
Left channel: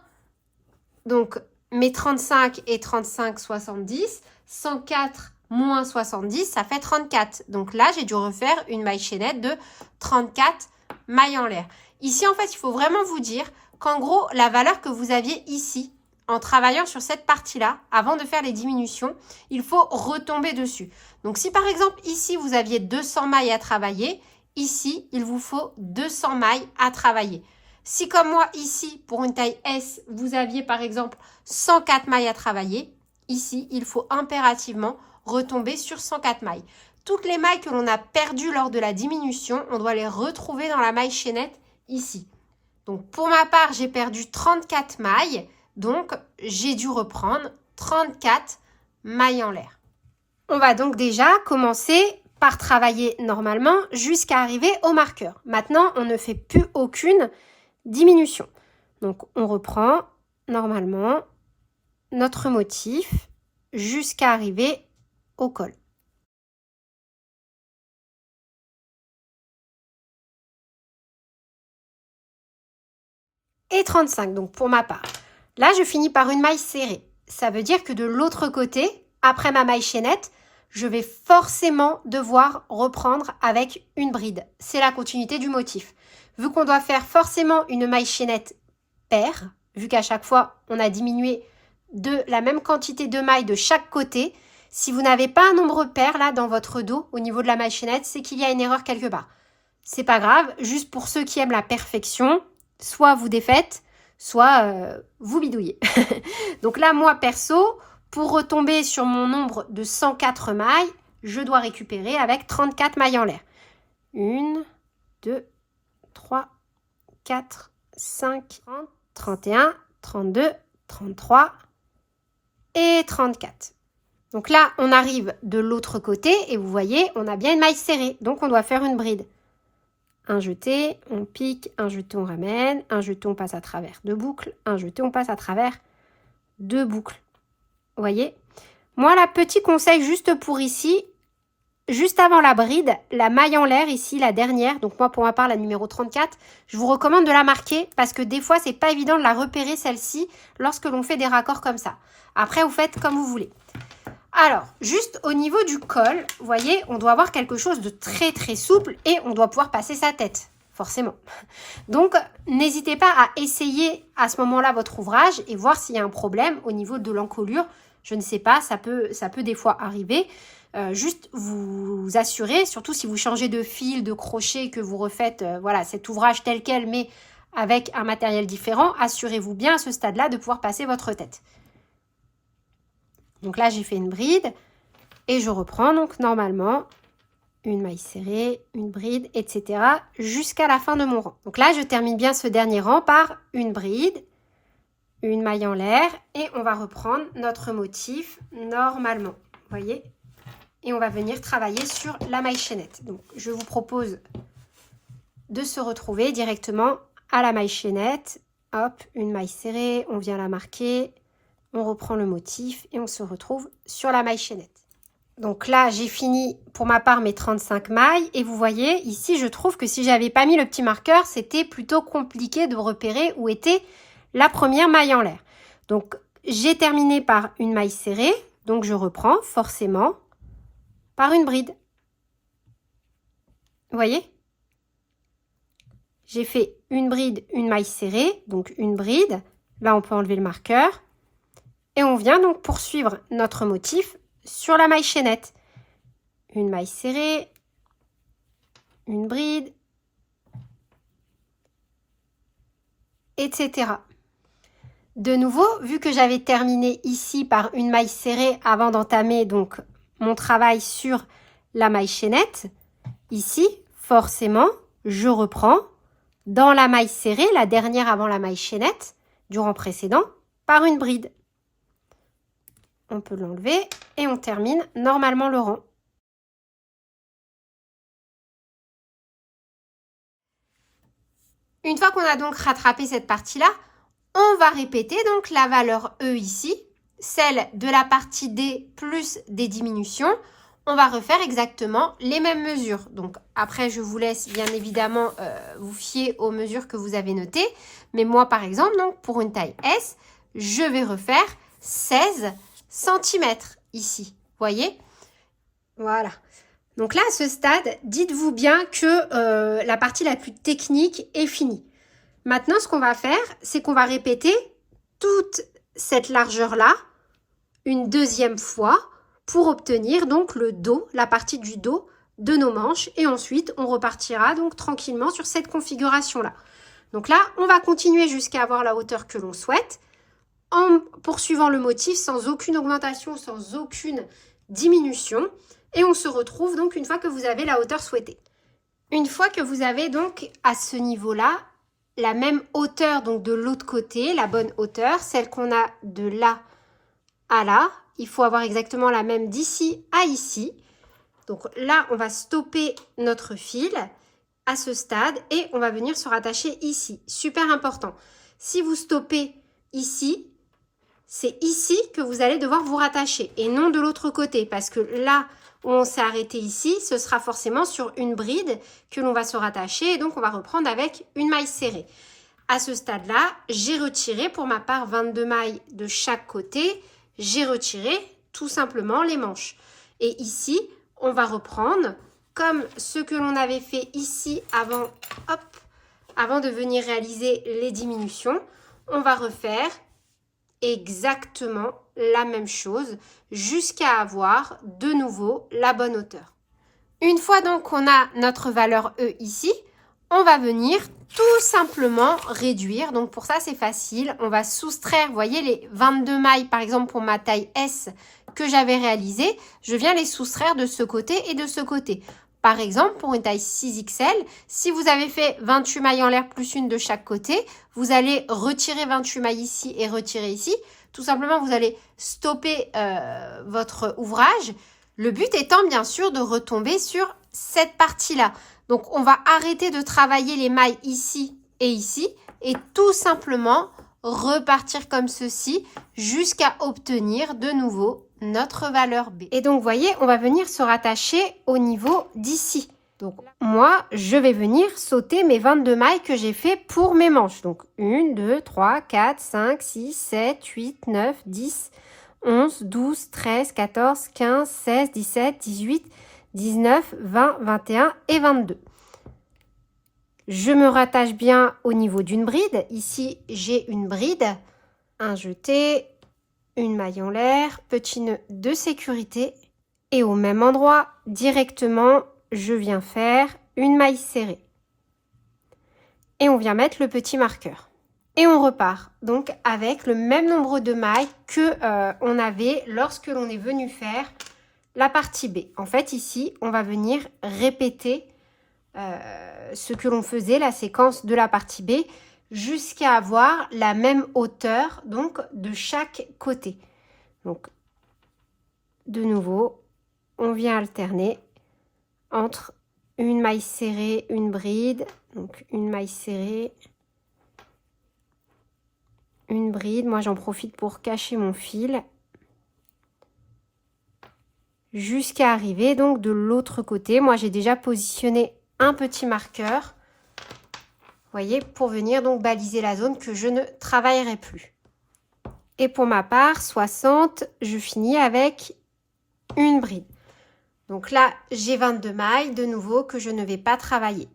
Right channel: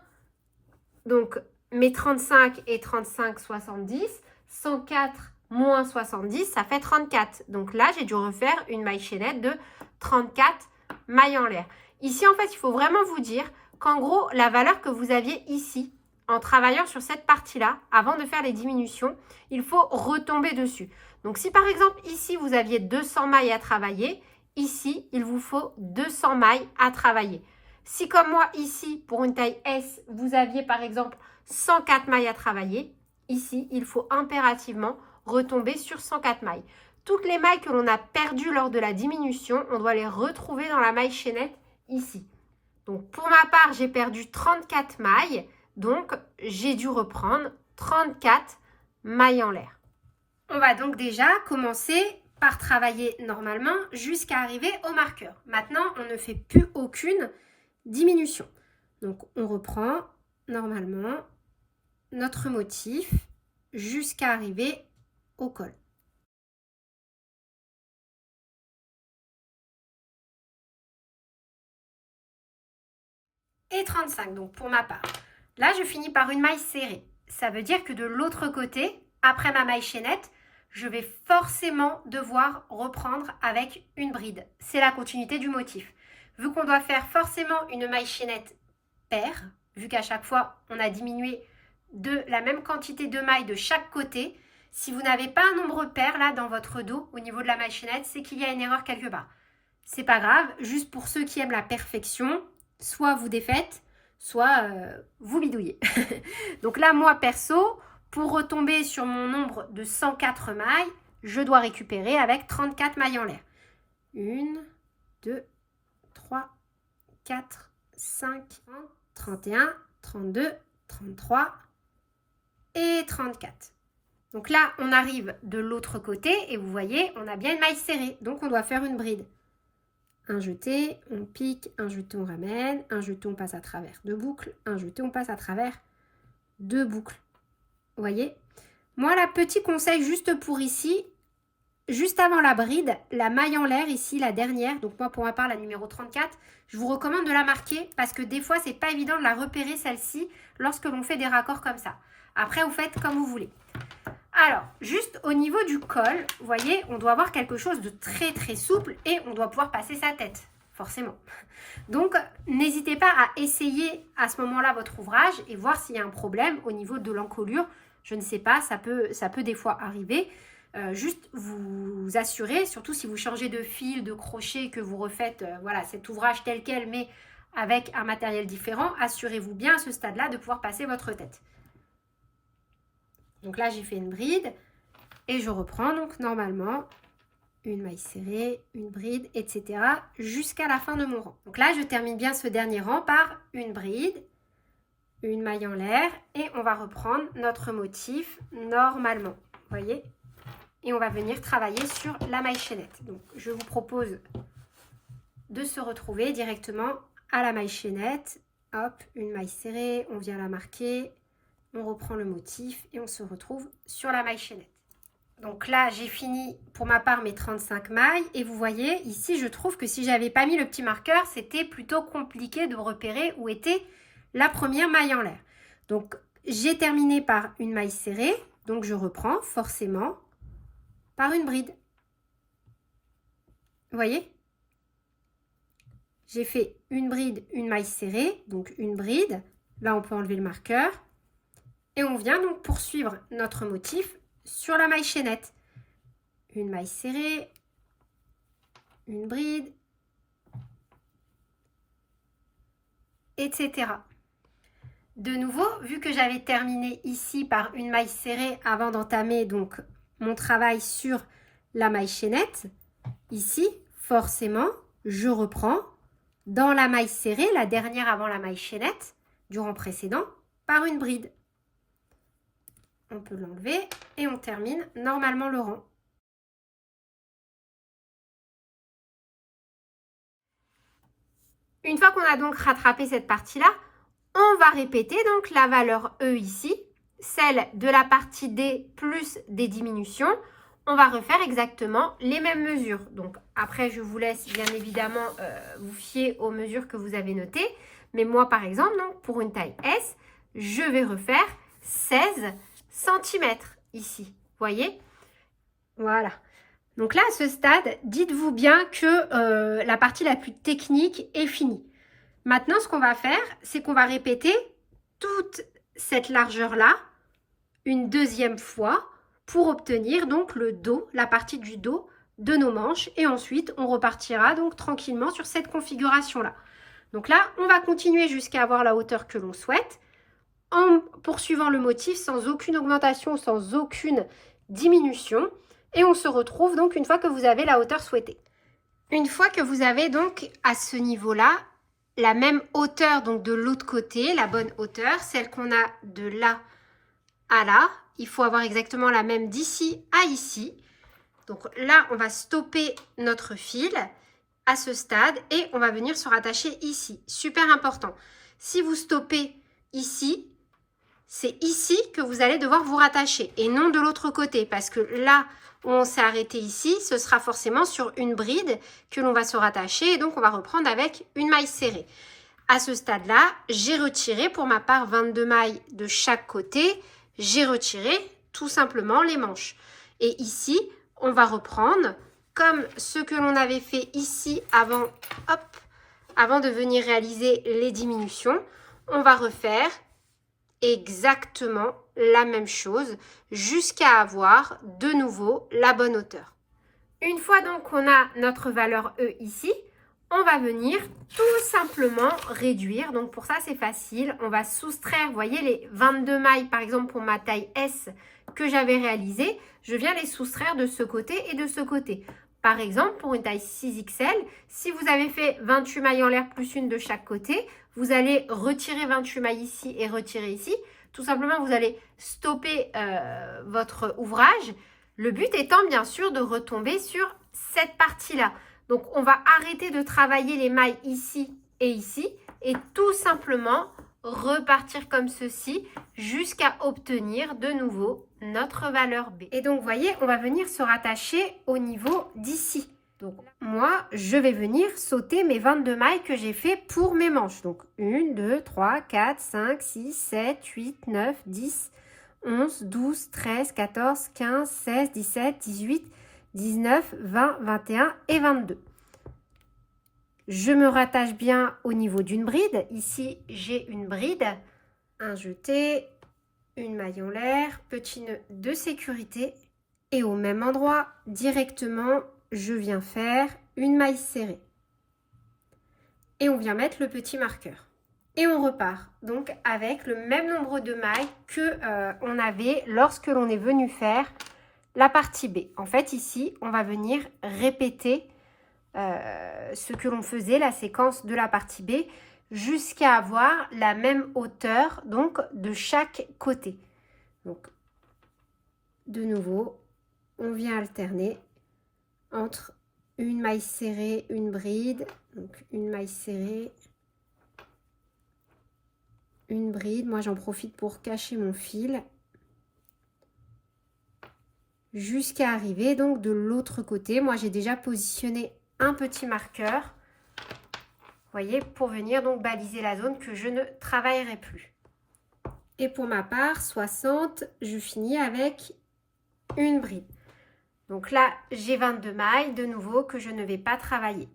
donc, mes 35 et 35, 70. 104 moins 70, ça fait 34. Donc là, j'ai dû refaire une maille chaînette de 34 mailles en l'air. Ici, en fait, il faut vraiment vous dire qu'en gros, la valeur que vous aviez ici, en travaillant sur cette partie-là, avant de faire les diminutions, il faut retomber dessus. Donc, si par exemple, ici, vous aviez 200 mailles à travailler, ici, il vous faut 200 mailles à travailler. Si comme moi, ici, pour une taille S, vous aviez par exemple 104 mailles à travailler, ici, il faut impérativement retomber sur 104 mailles. Toutes les mailles que l'on a perdues lors de la diminution, on doit les retrouver dans la maille chaînette ici. Donc, pour ma part, j'ai perdu 34 mailles. Donc, j'ai dû reprendre 34 mailles en l'air. On va donc déjà commencer par travailler normalement jusqu'à arriver au marqueur. Maintenant, on ne fait plus aucune diminution. Donc, on reprend normalement notre motif jusqu'à arriver au col. Et 35, donc pour ma part. Là, je finis par une maille serrée. Ça veut dire que de l'autre côté, après ma maille chaînette, je vais forcément devoir reprendre avec une bride. C'est la continuité du motif. Vu qu'on doit faire forcément une maille chaînette paire, vu qu'à chaque fois, on a diminué de la même quantité de mailles de chaque côté, si vous n'avez pas un nombre pair là dans votre dos au niveau de la maille chaînette, c'est qu'il y a une erreur quelque part. C'est pas grave, juste pour ceux qui aiment la perfection, soit vous défaites, soit vous bidouillez. Donc là, moi perso, pour retomber sur mon nombre de 104 mailles, je dois récupérer avec 34 mailles en l'air. 1, 2, 3, 4, 5, 31, 32, 33 et 34. Donc là, on arrive de l'autre côté et vous voyez, on a bien une maille serrée. Donc, on doit faire une bride. Un jeté, on pique, un jeté, on ramène, un jeté, on passe à travers deux boucles, un jeté, on passe à travers deux boucles. Vous voyez? Moi, là, petit conseil juste pour ici, juste avant la bride, la maille en l'air ici, la dernière, donc moi pour ma part la numéro 34, je vous recommande de la marquer parce que des fois c'est pas évident de la repérer celle-ci lorsque l'on fait des raccords comme ça. Après vous faites comme vous voulez. Alors, juste au niveau du col, vous voyez, on doit avoir quelque chose de très très souple et on doit pouvoir passer sa tête, forcément. Donc, n'hésitez pas à essayer à ce moment-là votre ouvrage et voir s'il y a un problème au niveau de l'encolure. Je ne sais pas, ça peut des fois arriver. Juste vous assurer, surtout si vous changez de fil, de crochet, que vous refaites voilà, cet ouvrage tel quel, mais avec un matériel différent, assurez-vous bien à ce stade-là de pouvoir passer votre tête. Donc là, j'ai fait une bride et je reprends donc normalement une maille serrée, une bride, etc. jusqu'à la fin de mon rang. Donc là, je termine bien ce dernier rang par une bride, une maille en l'air et on va reprendre notre motif normalement. Vous voyez ? Et on va venir travailler sur la maille chaînette. Donc, je vous propose de se retrouver directement à la maille chaînette. Hop, une maille serrée, on vient la marquer, on reprend le motif et on se retrouve sur la maille chaînette. Donc là, j'ai fini pour ma part mes 35 mailles. Et vous voyez, ici, je trouve que si j'avais pas mis le petit marqueur, c'était plutôt compliqué de repérer où était la première maille en l'air. Donc, j'ai terminé par une maille serrée. Donc, je reprends forcément par une bride. Vous voyez? J'ai fait une bride, une maille serrée, donc une bride. Là, on peut enlever le marqueur. Et on vient donc poursuivre notre motif sur la maille chaînette. Une maille serrée, une bride, etc. De nouveau, vu que j'avais terminé ici par une maille serrée avant d'entamer donc mon travail sur la maille chaînette, ici, forcément, je reprends dans la maille serrée, la dernière avant la maille chaînette, du rang précédent, par une bride. On peut l'enlever et on termine normalement le rang. Une fois qu'on a donc rattrapé cette partie-là, on va répéter donc la valeur E ici, celle de la partie D plus des diminutions. On va refaire exactement les mêmes mesures. Donc après, je vous laisse bien évidemment vous fier aux mesures que vous avez notées. Mais moi, par exemple, donc, pour une taille S, je vais refaire 16 cm ici. Voyez? Voilà. Donc là, à ce stade, dites-vous bien que la partie la plus technique est finie. Maintenant, ce qu'on va faire, c'est qu'on va répéter toute cette largeur-là une deuxième fois pour obtenir donc le dos, la partie du dos de nos manches. Et ensuite, on repartira donc tranquillement sur cette configuration-là. Donc là, on va continuer jusqu'à avoir la hauteur que l'on souhaite en poursuivant le motif sans aucune augmentation, sans aucune diminution. Et on se retrouve donc une fois que vous avez la hauteur souhaitée. Une fois que vous avez donc à ce niveau-là, la même hauteur donc de l'autre côté, la bonne hauteur, celle qu'on a de là à là, il faut avoir exactement la même d'ici à ici. Donc là, on va stopper notre fil à ce stade et on va venir se rattacher ici. Super important. Si vous stoppez ici, c'est ici que vous allez devoir vous rattacher et non de l'autre côté parce que là où on s'est arrêté ici, ce sera forcément sur une bride que l'on va se rattacher et donc on va reprendre avec une maille serrée. À ce stade-là, j'ai retiré pour ma part 22 mailles de chaque côté. J'ai retiré tout simplement les manches. Et ici, on va reprendre comme ce que l'on avait fait ici avant, hop, avant de venir réaliser les diminutions. On va refaire exactement la même chose jusqu'à avoir de nouveau la bonne hauteur. Une fois donc qu'on a notre valeur E ici, on va venir tout simplement réduire. Donc pour ça, c'est facile. On va soustraire, vous voyez, les 22 mailles, par exemple pour ma taille S que j'avais réalisée, je viens les soustraire de ce côté et de ce côté. Par exemple, pour une taille 6XL, si vous avez fait 28 mailles en l'air plus une de chaque côté, vous allez retirer 28 mailles ici et retirer ici. Tout simplement, vous allez stopper votre ouvrage. Le but étant bien sûr de retomber sur cette partie-là. Donc, on va arrêter de travailler les mailles ici et tout simplement repartir comme ceci jusqu'à obtenir de nouveau notre valeur B. Et donc, vous voyez, on va venir se rattacher au niveau d'ici. Donc, moi, je vais venir sauter mes 22 mailles que j'ai fait pour mes manches. Donc, 1, 2, 3, 4, 5, 6, 7, 8, 9, 10, 11, 12, 13, 14, 15, 16, 17, 18, 19, 20, 21 et 22. Je me rattache bien au niveau d'une bride. Ici, j'ai une bride, un jeté, une maille en l'air, petit nœud de sécurité. Et au même endroit, directement, je viens faire une maille serrée. Et on vient mettre le petit marqueur. Et on repart donc avec le même nombre de mailles que on avait lorsque l'on est venu faire la partie B. En fait, ici, on va venir répéter ce que l'on faisait, la séquence de la partie B, jusqu'à avoir la même hauteur donc de chaque côté. Donc, de nouveau, on vient alterner entre une maille serrée, une bride, donc une maille serrée, une bride. Moi, j'en profite pour cacher mon fil jusqu'à arriver donc de l'autre côté. Moi, j'ai déjà positionné un petit marqueur, vous voyez, pour venir donc baliser la zone que je ne travaillerai plus. Et pour ma part, 60, je finis avec une bride. Donc là, j'ai 22 mailles de nouveau que je ne vais pas travailler.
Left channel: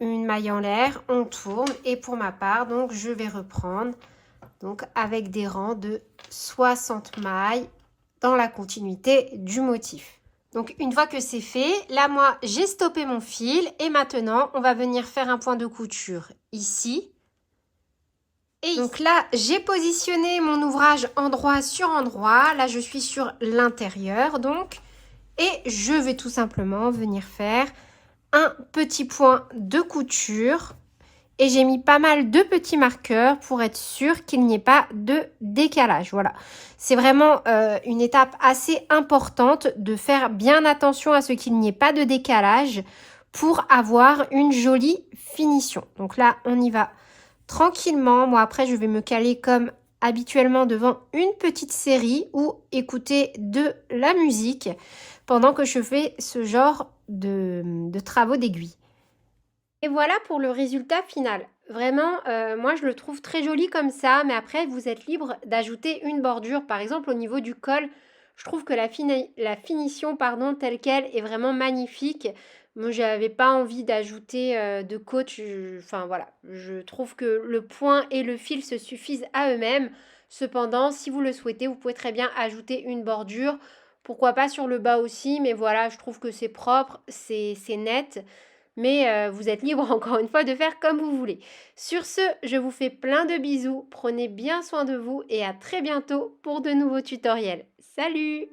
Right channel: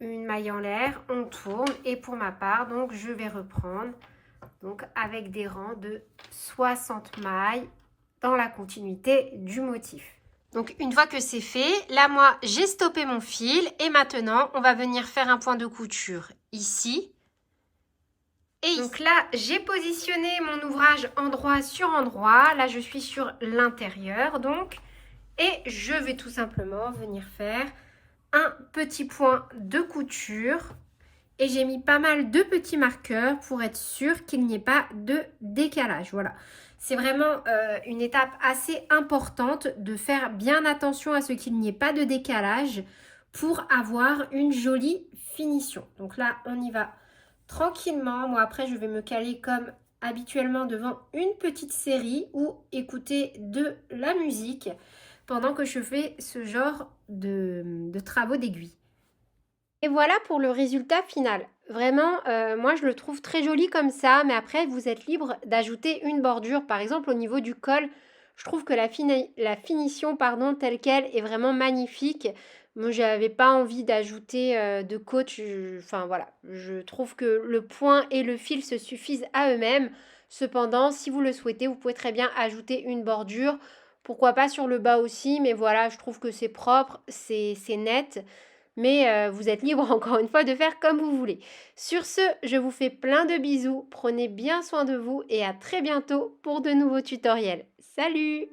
Une maille en l'air, on tourne et pour ma part, donc je vais reprendre donc avec des rangs de 60 mailles dans la continuité du motif. Donc une fois que c'est fait, là moi j'ai stoppé mon fil et maintenant on va venir faire un point de couture ici. Et donc là j'ai positionné mon ouvrage endroit sur endroit. Là je suis sur l'intérieur donc. Et je vais tout simplement venir faire un petit point de couture. Et j'ai mis pas mal de petits marqueurs pour être sûr qu'il n'y ait pas de décalage. Voilà, c'est vraiment une étape assez importante de faire bien attention à ce qu'il n'y ait pas de décalage pour avoir une jolie finition. Donc là, on y va tranquillement. Moi, après, je vais me caler comme habituellement devant une petite série ou écouter de la musique pendant que je fais ce genre de travaux d'aiguille. Et voilà pour le résultat final. Vraiment, moi je le trouve très joli comme ça, mais après vous êtes libre d'ajouter une bordure. Par exemple au niveau du col, je trouve que la finition pardon, telle qu'elle est vraiment magnifique. Moi j'avais pas envie d'ajouter de côte, enfin voilà. Je trouve que le point et le fil se suffisent à eux-mêmes. Cependant, si vous le souhaitez, vous pouvez très bien ajouter une bordure. Pourquoi pas sur le bas aussi, mais voilà, je trouve que c'est propre, c'est net. Mais vous êtes libre encore une fois de faire comme vous voulez. Sur ce, je vous fais plein de bisous, prenez bien soin de vous et à très bientôt pour de nouveaux tutoriels. Salut!